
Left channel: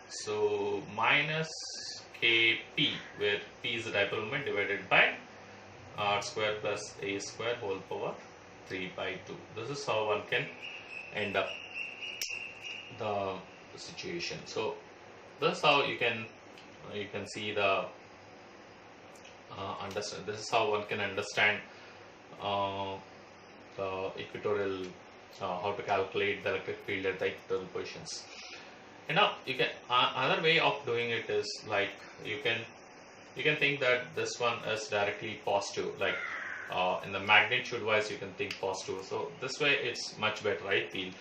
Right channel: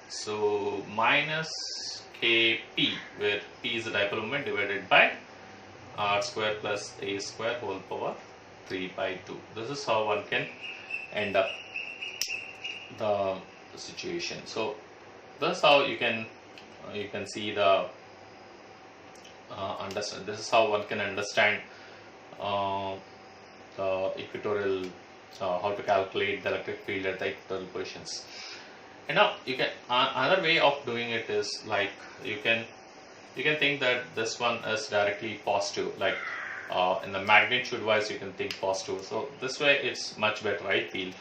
So minus kp, where p is the dipole moment, divided by r square plus a square whole power 3 by 2. This is how one can end up the situation. So that's how you can see the understand. This is how one can understand the equatorial, how to calculate the electric field at the equatorial positions. And now you can another way of doing it is like you can think that this one is directly positive, like in the magnitude wise you can think positive. So this way it's much better, I feel.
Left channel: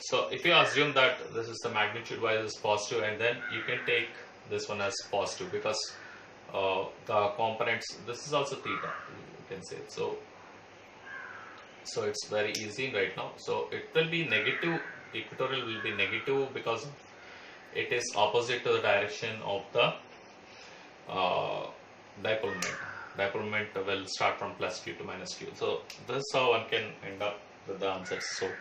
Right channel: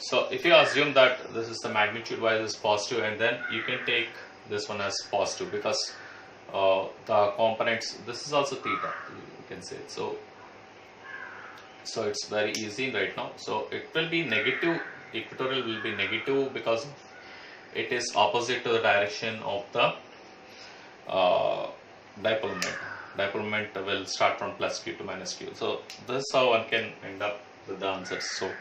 So if you assume that this is the magnitude wise is positive, and then you can take this one as positive because the components, this is also theta, you can say. So it's very easy right now. So it will be negative, equatorial will be negative because it is opposite to the direction of the dipole moment. Dipole moment will start from plus q to minus q. So this is how one can end up with the answers. So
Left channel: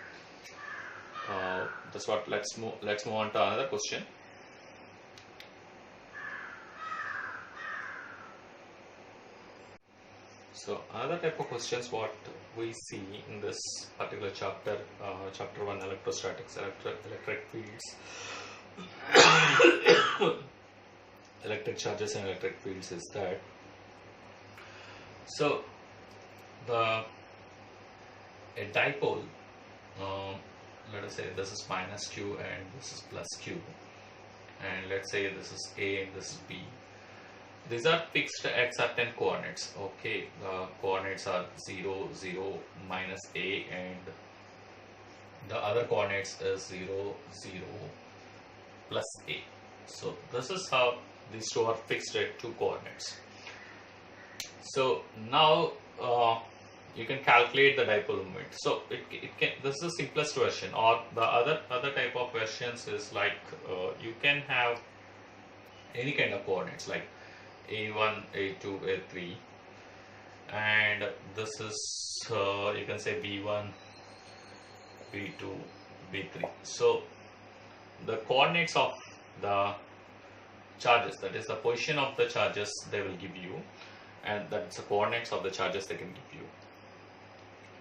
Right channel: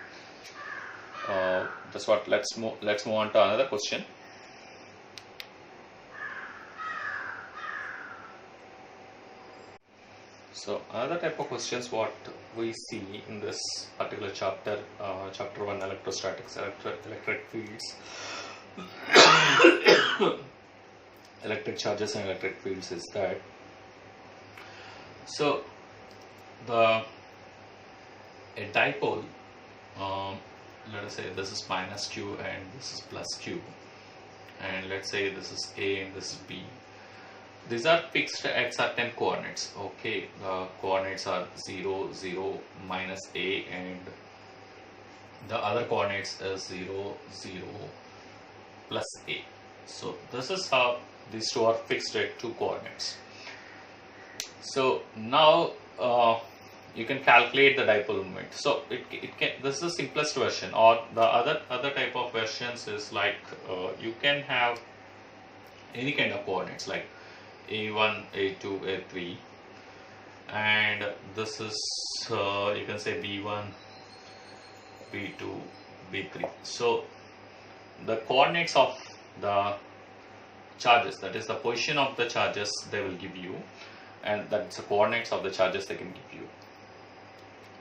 that's what. Let's move on to another question. So another type of questions what we see in this particular chapter, chapter 1, electrostatics, electric fields, electric charges and electric fields, is that so a dipole, let us say this is minus q and this is plus q, and let's say this is a and this is b. These are fixed at certain coordinates. Okay, the coordinates are 0, 0, minus a, and the other coordinates is 0, 0, plus a. So this is how these two are fixed at two coordinates. So now you can calculate the dipole moment. So it can. This is the simplest version. Or the other type of versions is like you can have any kind of coordinates like a1, a2, a3, and this is you can say b1, b2, b3. So the coordinates of the charges, that is the position of the charges, they will give you, and that's the coordinates of the charges they can give you.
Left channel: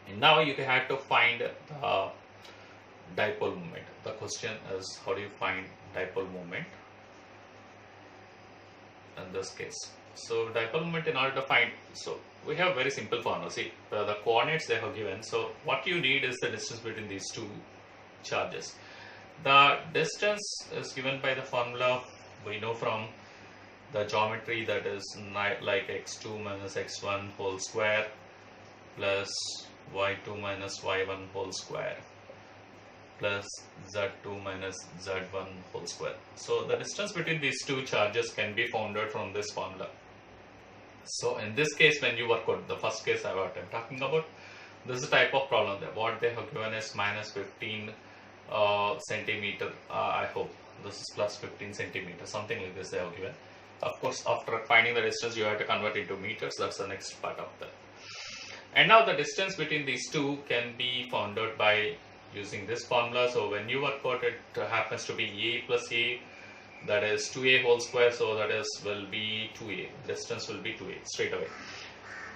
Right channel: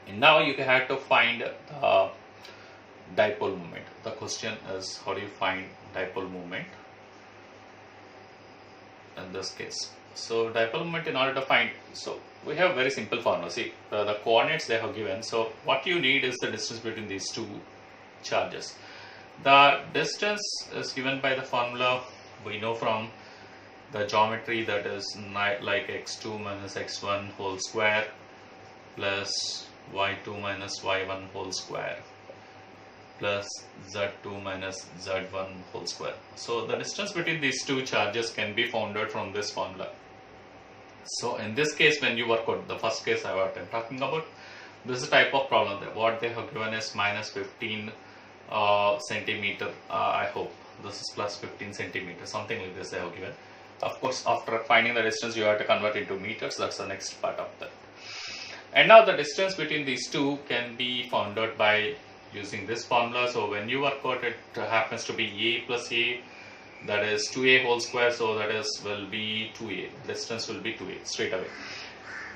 And now you have to find the dipole moment. The question is, how do you find dipole moment? in this case. So dipole moment in order to find, so we have very simple formula. See, the coordinates they have given. So what you need is the distance between these two charges. The distance is given by the formula we know from the geometry, that is like x2 minus x1 whole square plus y2 minus y1 whole square plus z2 minus z1 whole square. So the distance between these two charges can be found out from this formula. So in this case, when you work out the first case I'm talking about, this is a type of problem that what they have given is minus 15 centimeter. I hope this is plus 15 centimeters, something like this they have given. Of course, after finding the distance, you have to convert into meters. That's the next part of that. And now the distance between these two can be found out by using this formula. So when you work out, it happens to be a plus a, that is 2a whole square. So that is will be 2a. Distance will be 2a straight away.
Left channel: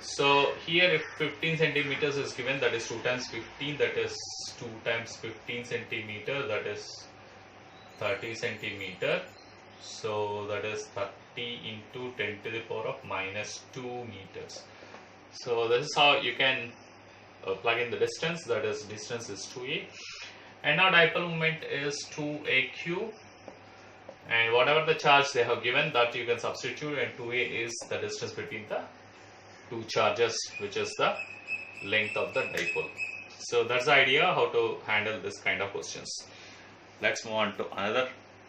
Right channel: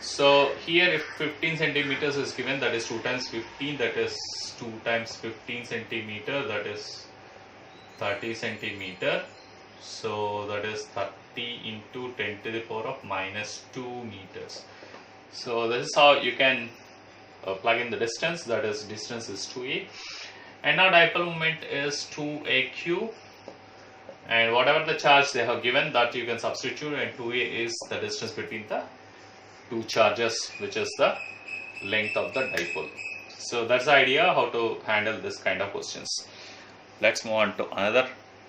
So here, if 15 centimeters is given, that is 2 times 15. That is 2 times 15 centimeter. That is 30 centimeter. So that is 30 into 10 to the power of minus 2 meters. So this is how you can plug in the distance, that is distance is 2a, and now dipole moment is 2aq, and whatever the charge they have given, that you can substitute, and 2a is the distance between the two charges, which is the length of the dipole. So that's the idea how to handle this kind of questions. Let's move on to another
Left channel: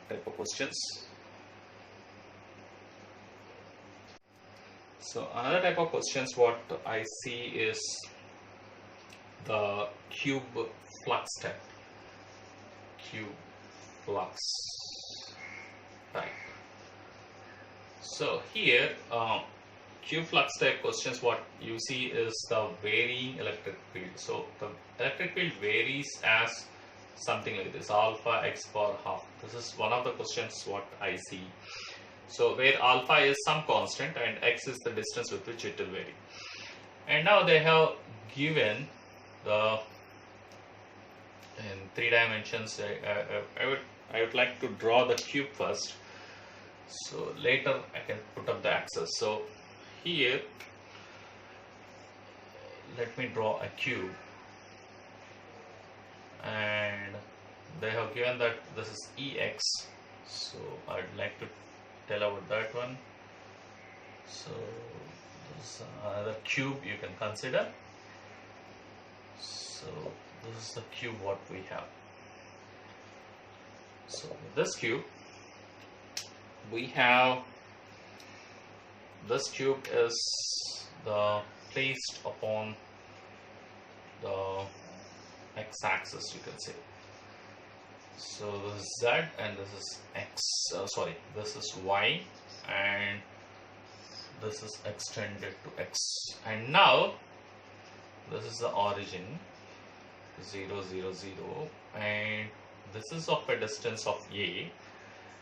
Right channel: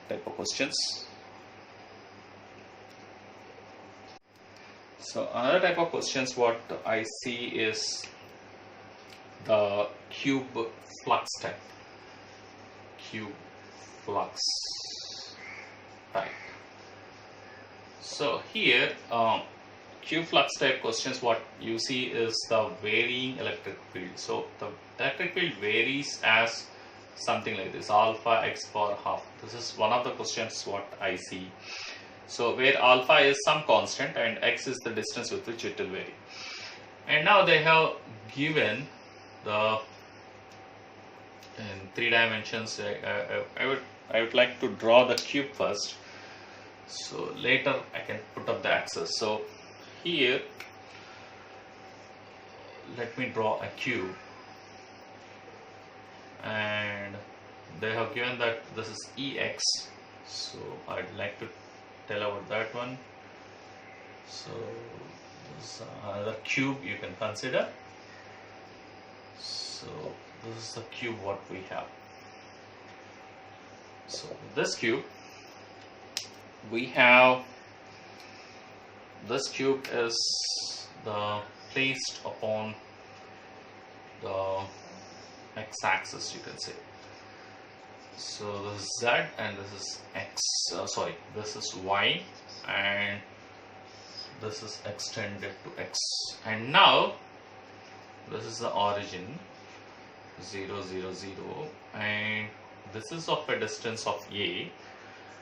type of questions. So another type of questions what I see is the cube flux type. Cube flux type. So here, cube flux type questions, what you see is the varying electric field. So the electric field varies as something like this, alpha x power half. This is one of the questions what I see. So where alpha is some constant and x is the distance with which it will vary. And now they have given the in 3 dimensions. I would like to draw the cube first. So later I can put up the axis. So here let me draw a cube, and they have given that this is Ex. So I'd like to tell about that one. So this is another cube you can consider. So this is the cube what we have. So with this cube we have, this cube is placed upon the x-axis, you can say. So this is z and this is x, this is y, and this is extended to x. And now this is the origin 0 0 0, and this is of a distance of a,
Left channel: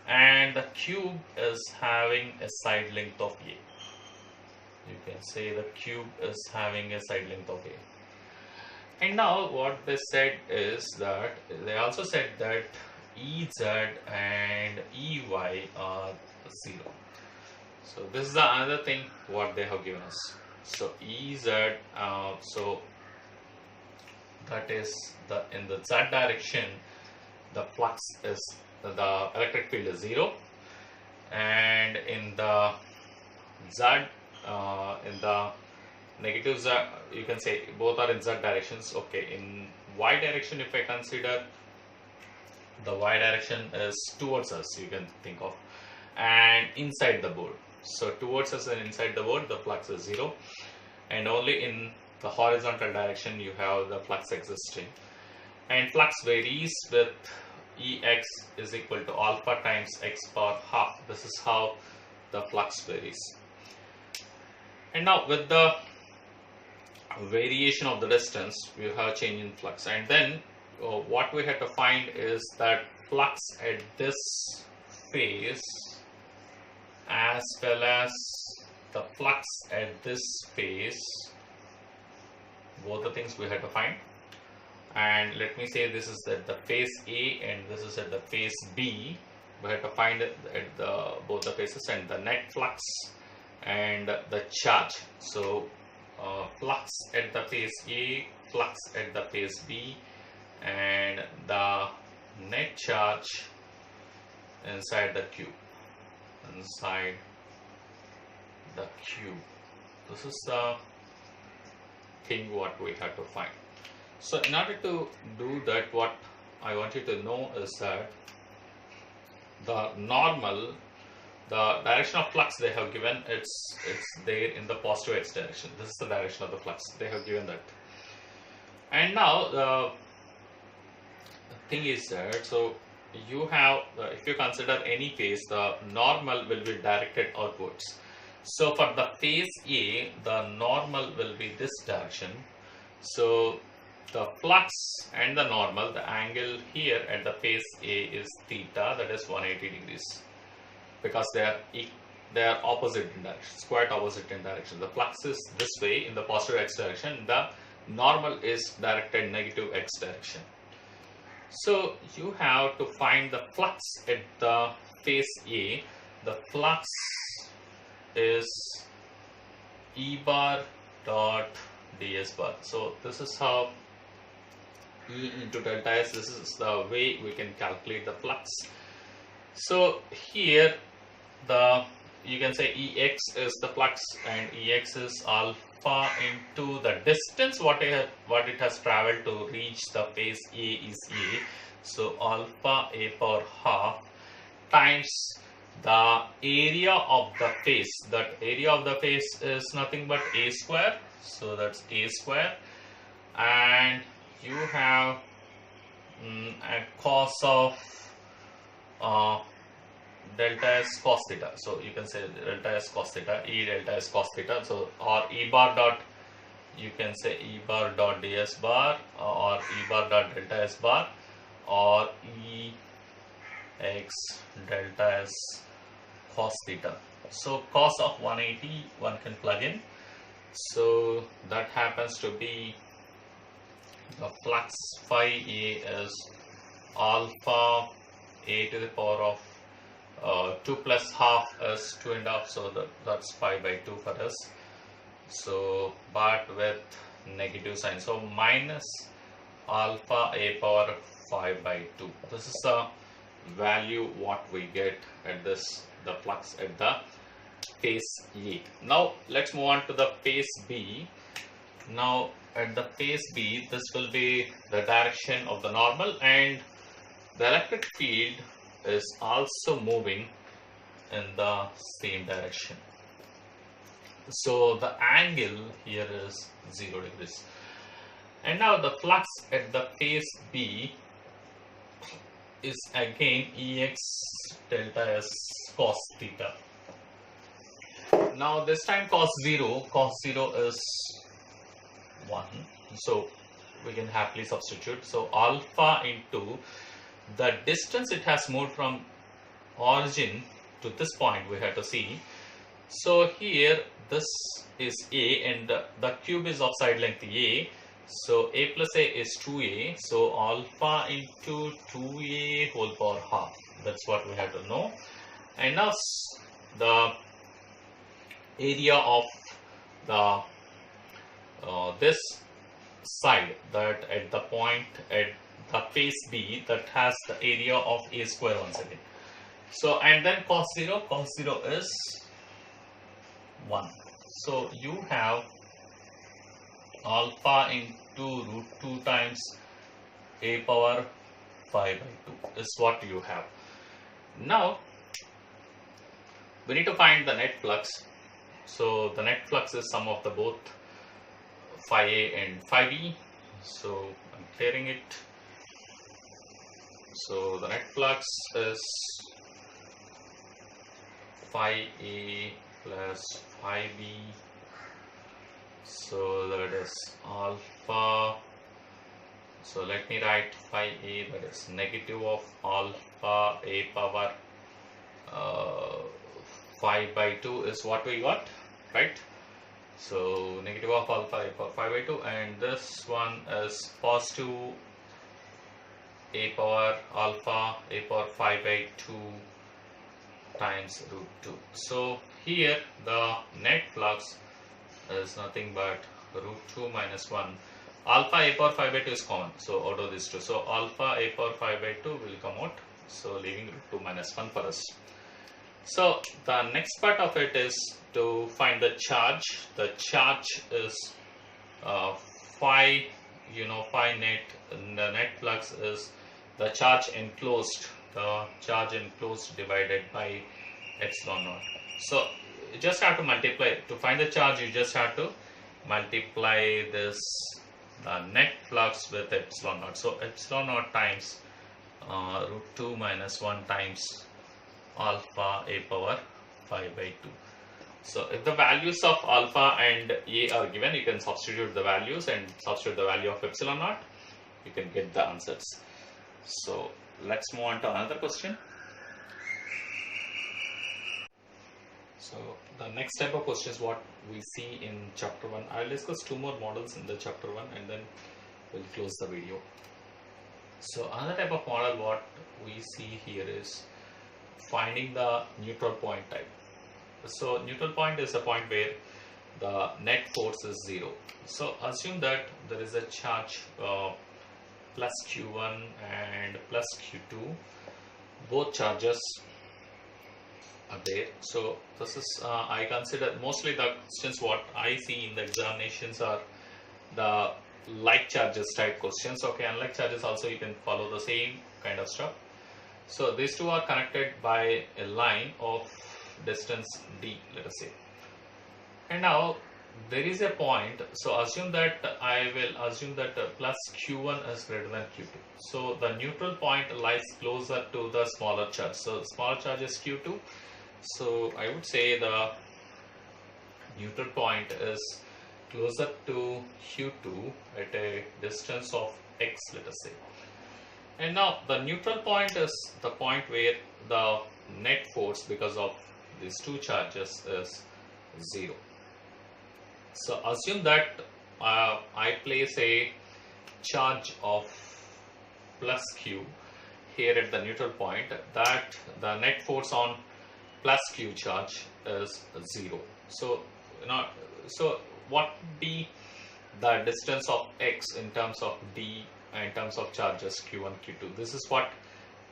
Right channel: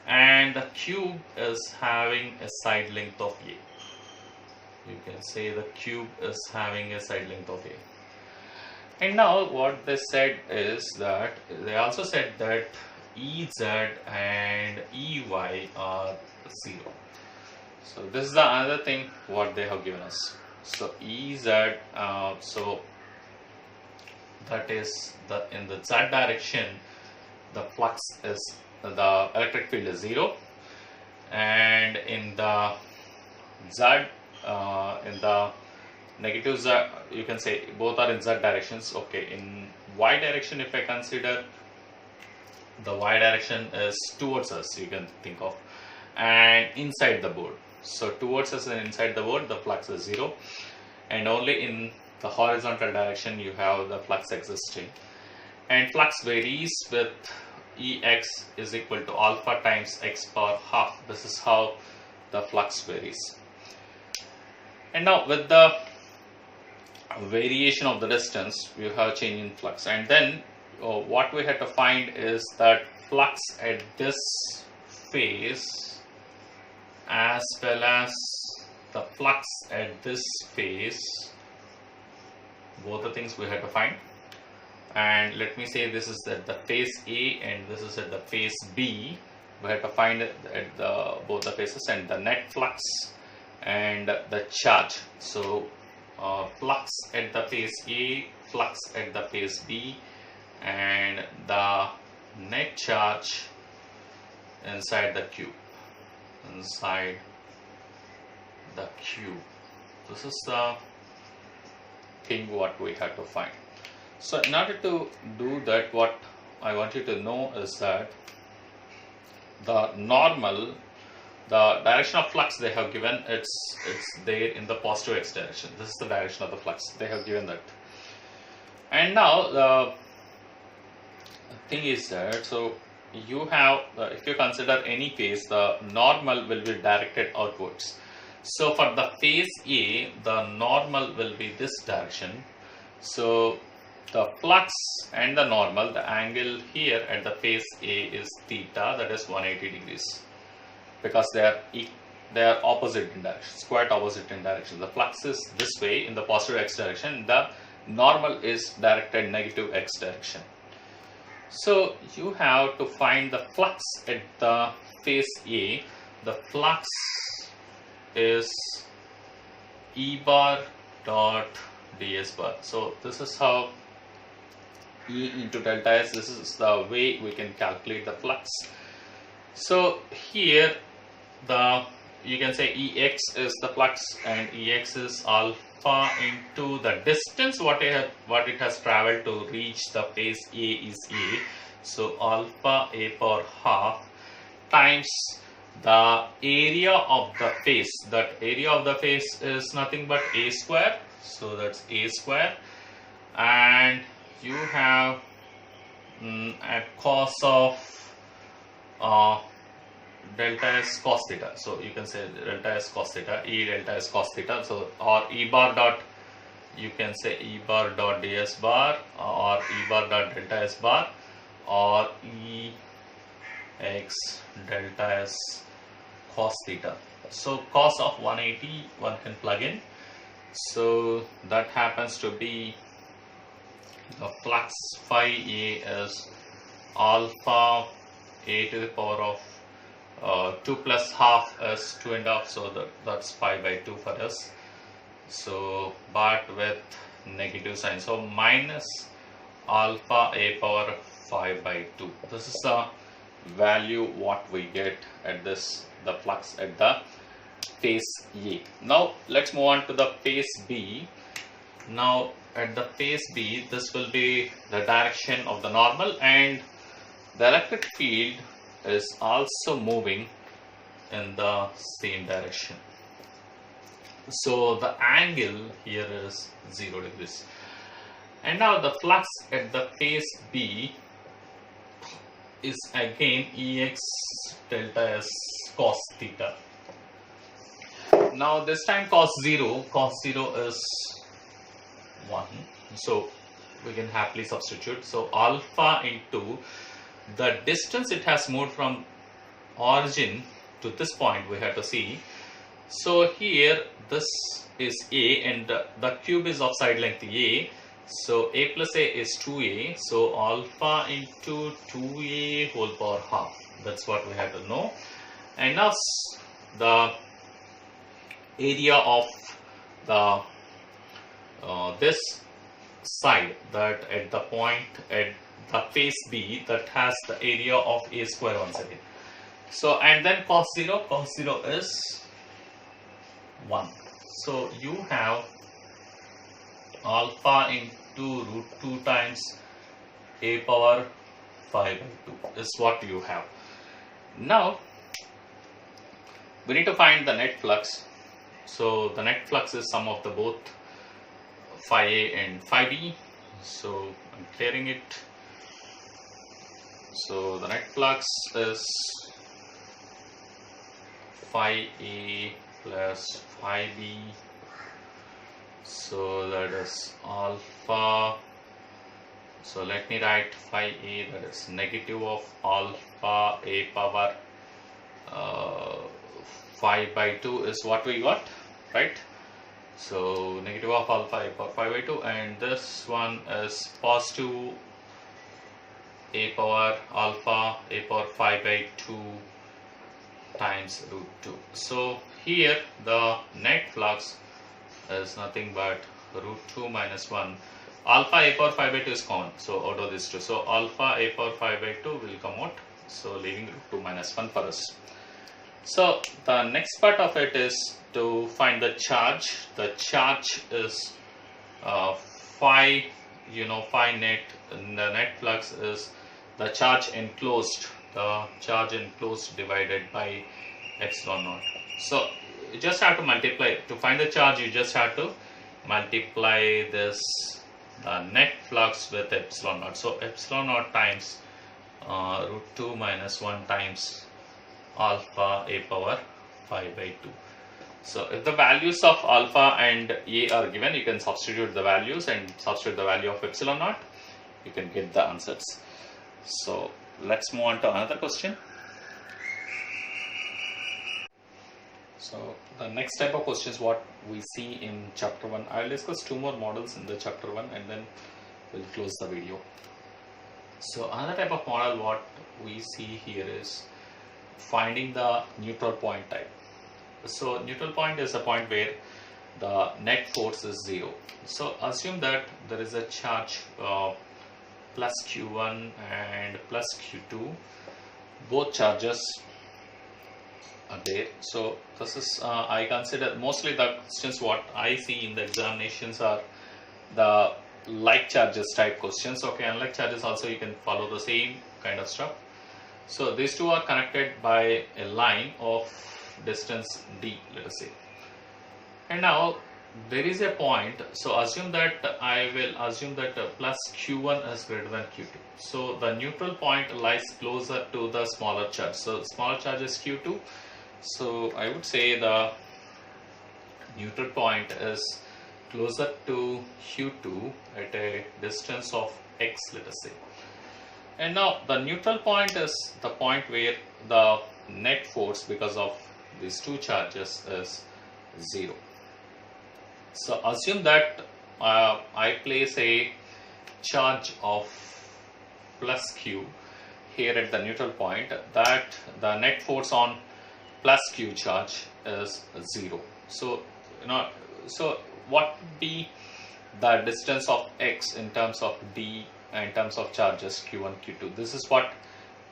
and the cube is having a side length of a. You can say the cube is having a side length of a. And now what they said is that they also said that Ez and Ey are 0. So this is the another thing what they have given us. So Ez, so that is in the z direction, the flux is, the electric field is 0, and in the z, in the negative z, you can say both are in z directions. Okay, in y direction, if I consider, the y direction is towards us, you can think of, and inside the board. So towards us and inside the board, the flux is 0, and only in the horizontal direction you have the flux existing. And flux varies with Ex is equal to alpha times x power half. This is how the flux varies. And now with the variation of the distance, we have change in flux, and then what we have to find is that flux at this phase as well as the flux at this phase, both the things we have to find. And let me say this is at the phase A and this is at the phase B, we have to find it at both the faces, and the net flux and the charge. So flux at the face A, flux at the face B, and the net charge inside the cube. Inside the cube. This is the thing what we have to find. So in order to do that, what I want you to know is that the normal, the direction of flux they have given, it's there in the positive x direction. This is the direction of the flux. They have given that. And now the thing is that, so you have, if you consider any phase, the normal will be directed outwards. So for the phase A, the normal will be this direction. So the flux and the normal, the angle here at the phase A is theta, that is 180 degrees, because they are opposite in direction, quite opposite in direction. The flux is this way in the positive x direction, the normal is directed negative x direction. So you have to find the flux at the phase A. The flux is E bar dot ds bar. So this is how E into delta S, this is the way we can calculate the flux. So here you can say Ex is the flux, and Ex is alpha into the distance what it has traveled to reach the phase A is A. So alpha A power half times the area of the face. That area of the face is nothing but A square. So that's A square, and you have a cos of delta S cos theta. So you can say delta S cos theta, E delta S cos theta. So or E bar dot, you can say E bar dot ds bar, or E bar dot delta S bar, or E x delta S cos theta. So cos of 180 one can plug in. So that happens to be the flux phi A is alpha A to the power of 2 plus half is 2.5, so that's pi by 2 for us. So but with negative sign, so minus alpha A power 5 by 2. This is the value what we get at this, the flux at the phase A. Now let's move on to the phase B. Now at the phase B, this will be the direction of the normal, and the electric field is also moving in the same direction. So the angle here is 0 degrees. And now the flux at the phase B is again Ex delta S cos theta. Now this time cos 0 is 1, so we can happily substitute. So alpha into the distance it has moved from origin to this point, we have to see. So here this is A, and the cube is of side length A. So A plus A is 2A. So alpha into 2A whole power half. That's what we have to know. And now the area of the this side, that at the point at the phase B, that has the area of A square once again. So and then cos 0 is 1. So you have alpha into root 2 times A power 5 by 2 is what you have. Now we need to find the net flux. So the net flux is sum of the both phi A and phi B. So I'm clearing it. So the net flux is phi A plus phi B. So that is alpha. So let me write phi A, that is negative of alpha A power 5 by 2 is what we got, right? So negative of alpha A power 5 by 2, and this one is positive a power alpha a power 5 by 2 times root 2. So here the net flux is nothing but root 2 minus 1. Alpha a power 5 by 2 is common, so out of these two. So alpha a power 5 by 2 will come out, so leaving root 2 minus 1 for us. So the next part of it is to find the charge. The charge is phi, phi net, and the net flux is the charge enclosed, divided by epsilon naught. So you just have to multiply. To find the charge, you just have to multiply this net flux with epsilon naught. So epsilon naught times root 2 minus 1 times alpha a power 5 by 2. So if the values of alpha and a are given, you can substitute the values and substitute the value of epsilon naught. You can get the answers. So let's move on to another question. So the next type of question is what we see in chapter 1. I will discuss 2 more models in the chapter 1 and then we'll close the video. So another type of model what we see here is finding the neutral point type. So neutral point is a point where the net force is 0. So assume that there is a charge plus Q1 and plus Q2. Both charges are there. So this is I consider mostly the questions what I see in the examinations are the like charges type questions. Okay, unlike charges also you can follow the same kind of stuff. So these two are connected by a line of distance d, let us say. And now there is a point, so assume that I will assume that plus Q1 is greater than Q2. So the neutral point lies closer to the smaller charge. So smaller charge is Q2. So I would say the neutral point is closer to Q2 at a distance of x, let us say. And now the neutral point is the point where the net force because of these two charges is 0. So assume that I place a charge of plus Q here at the neutral point, that the net force on plus Q charge is 0. So so what would be the distance of x in terms of d in terms of charges Q1, Q2? This is what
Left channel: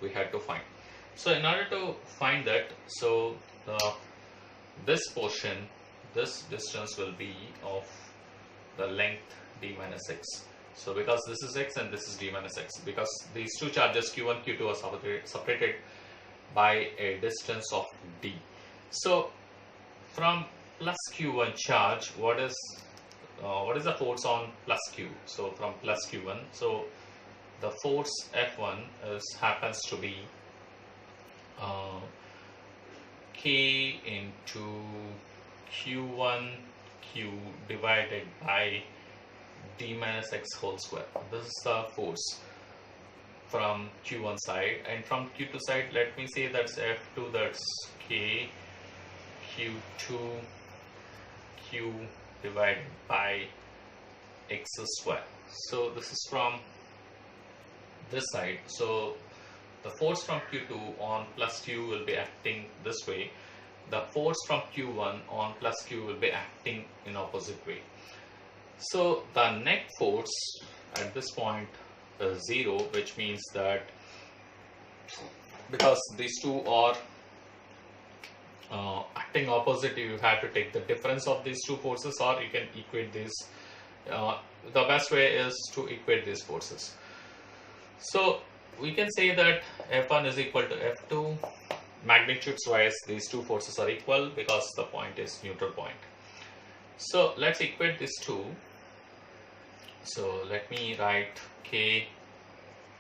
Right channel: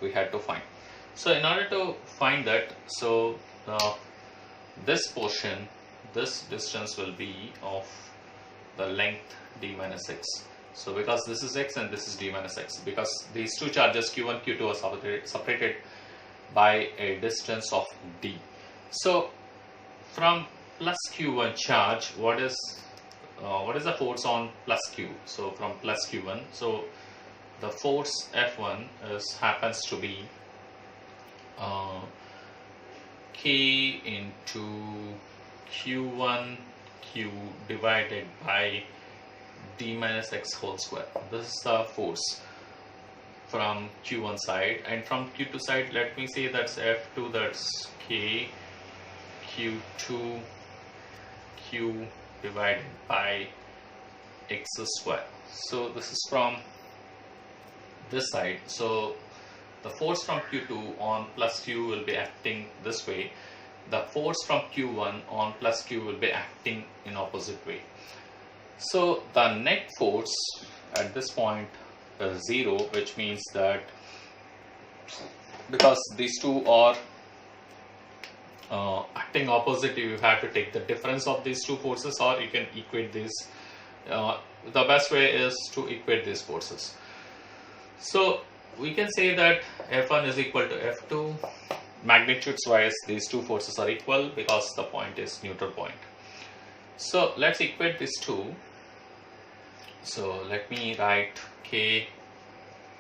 we had to find. So in order to find that, so this portion, this distance will be of the length d minus x. So because this is x and this is d minus x, because these two charges Q1, Q2 are separated by a distance of d. So from plus Q1 charge, what is the force on plus Q? So from plus Q1, so the force F1 happens to be K into Q1 Q divided by d minus x whole square. This is the force from Q1 side, and from Q2 side, let me say that's F2, that's K Q2 Q divided by x square. So this is from this side. So the force from Q2 on plus Q will be acting this way. The force from Q1 on plus Q will be acting in opposite way. So the net force at this point is 0, which means that because these two are acting opposite, you have to take the difference of these two forces, or you can equate these. The best way is to equate these forces. So we can say that F1 is equal to F2. Magnitudes wise, these two forces are equal because the point is neutral point. So let's equate these two. So let me write K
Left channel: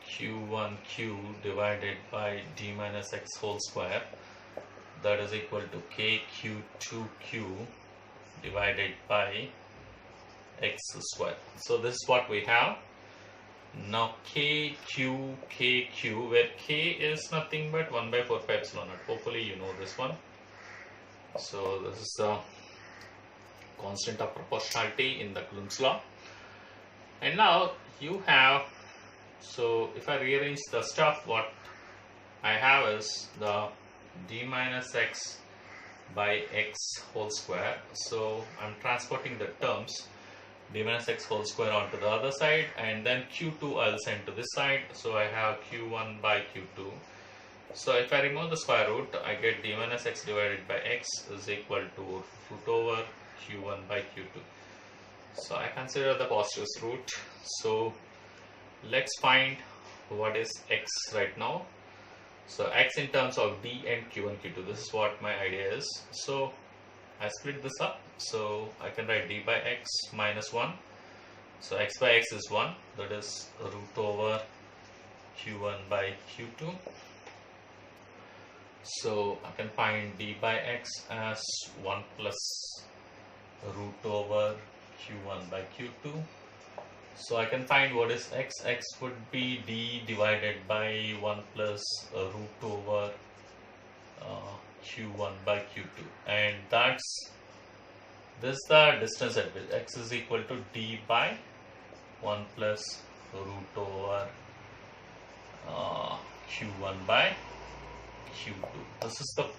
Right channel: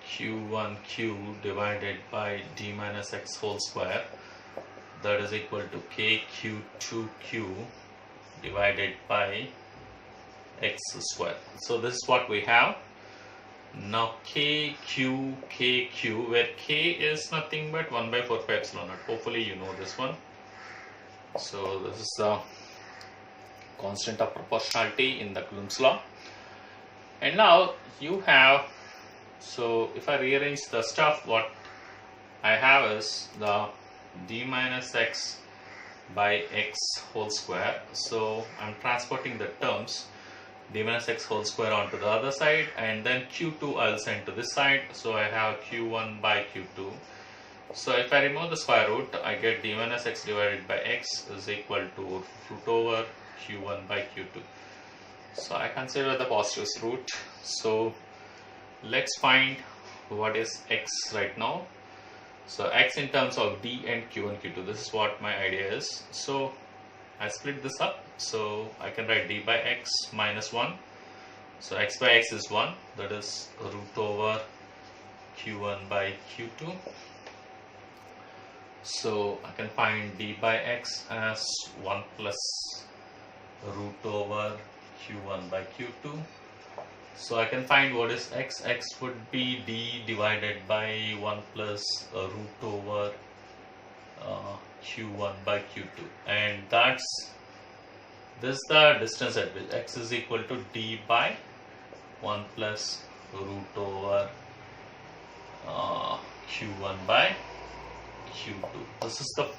Q1Q divided by d minus x whole square, that is equal to K Q2Q divided by x square. So this is what we have. Now KQ, where K is nothing but 1 by 4 pi epsilon naught. Hopefully you know this one. So this is the constant of proportionality in the Coulomb's law. And now you have So if I rearrange the stuff, what I have is the d minus x by x whole square. So I'm transporting the terms d minus x whole square onto the other side, and then q2 I'll send to this side. So I have q1 by q2. So if I remove the square root, I get d minus x divided by x is equal to root over q1 by q2. So I consider the positive root. So let's find what is x right now. So x in terms of d and q1, q2. This is what my idea is. So I split this up. So I can write d by x minus 1. So x by x is 1. That is root over q1 by q2. So I can find d by x as 1 plus root over q1 by q2. So I can find what is x. X would be d divided by 1 plus root over q1 by q2, and this is the distance at which x is equal to d by 1 plus root over q1 by q2. This is the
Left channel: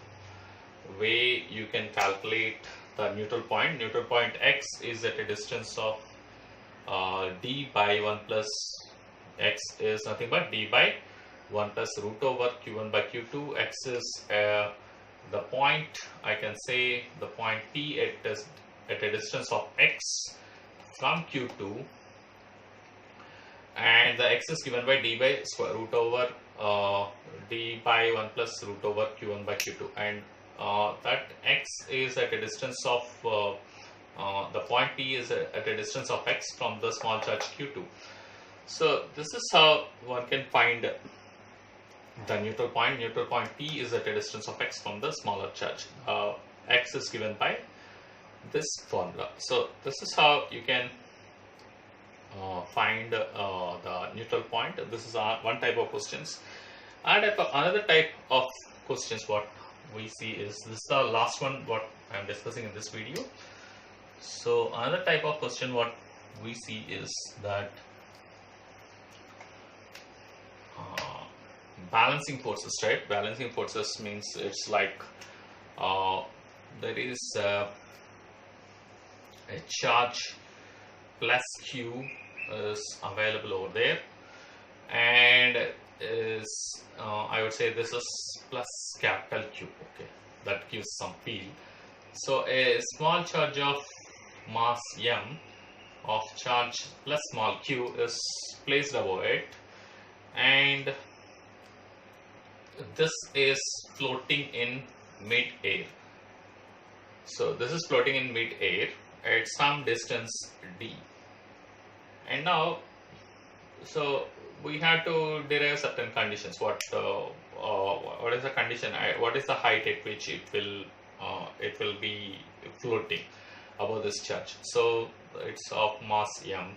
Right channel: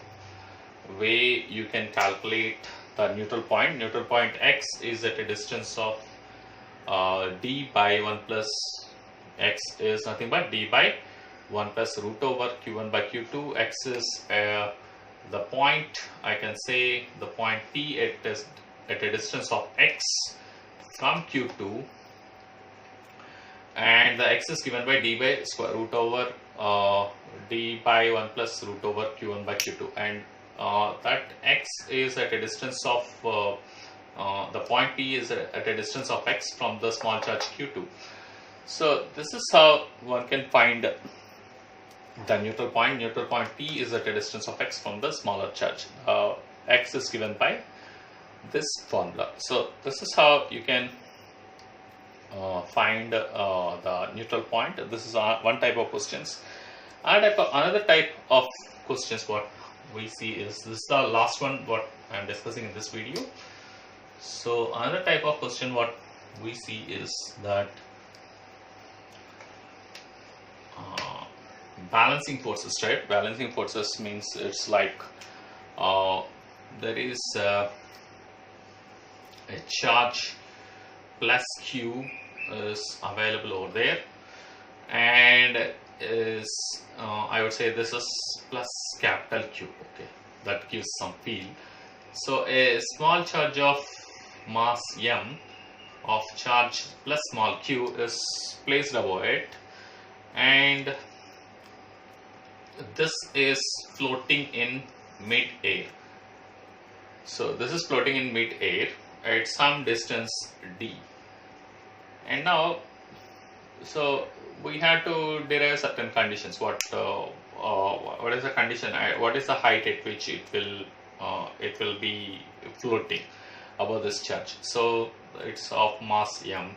way you can calculate the neutral point. Neutral point x is at a distance of d by 1 plus x is nothing but d by 1 plus root over q1 by q2. X is the point, I can say the point P at a distance of x from q2, and the x is given by d by square root over d by 1 plus root over q1 by q2, and that x is at a distance of the point P is at a distance of x from the small charge q2. So this is how one can find the neutral point. Neutral point P is at a distance of x from the smaller charge. X is given by this formula. So this is how you can find the neutral point. This is one type of questions. And another type of questions what we see is, this is the last one what I am discussing in this video. So another type of question what we see is that balancing forces, right? Balancing forces means it's like there is a charge plus q is available over there, and is I would say this is plus capital Q. Okay, that gives some feel. So a small charge of mass m of charge plus small q is placed above it, and this is floating in mid-air. So this is floating in mid-air at some distance d, and now so we have to derive certain conditions. What is the condition? What is the height at which it will be floating above this charge? So it's of mass m.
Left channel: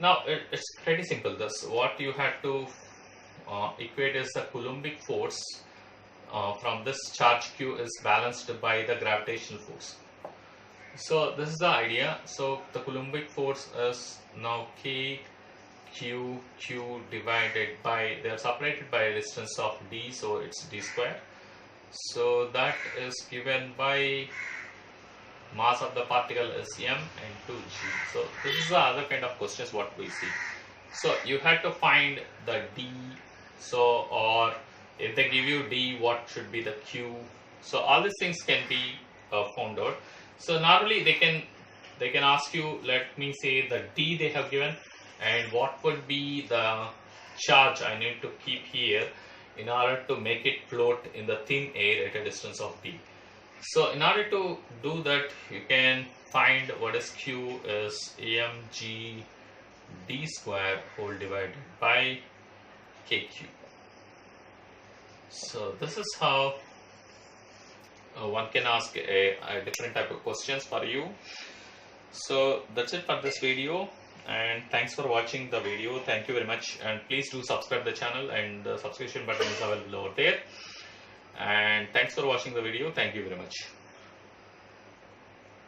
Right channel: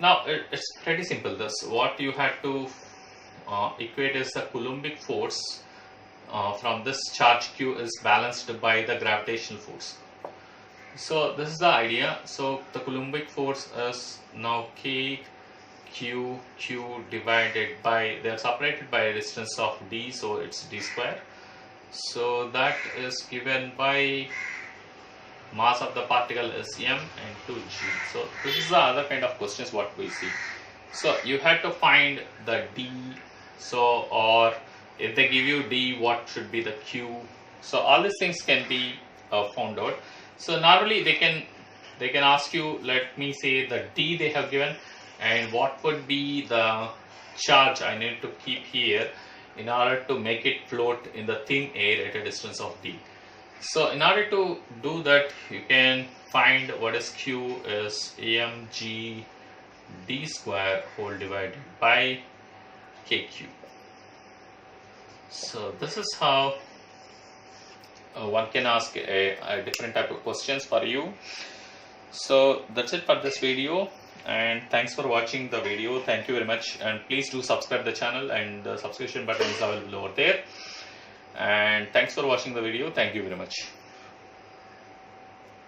Now it's pretty simple. This what you have to equate is the Coulombic force from this charge q is balanced by the gravitational force. So this is the idea. So the Coulombic force is now k q divided by, they are separated by a distance of d, so it's d square. So that is given by mass of the particle is m and 2g. So this is the other kind of questions what we see. So you have to find the d. So, or if they give you d, what should be the q? So all these things can be found out. So normally they can ask you, let me say the d they have given, and what would be the charge I need to keep here in order to make it float in the thin air at a distance of d. So in order to do that, you can find what is q is mg d square whole divided by kq. So this is how one can ask a different type of questions for you. So that's it for this video, and thanks for watching the video. Thank you very much, and please do subscribe the channel, and the subscription button is available over there. And thanks for watching the video. Thank you very much.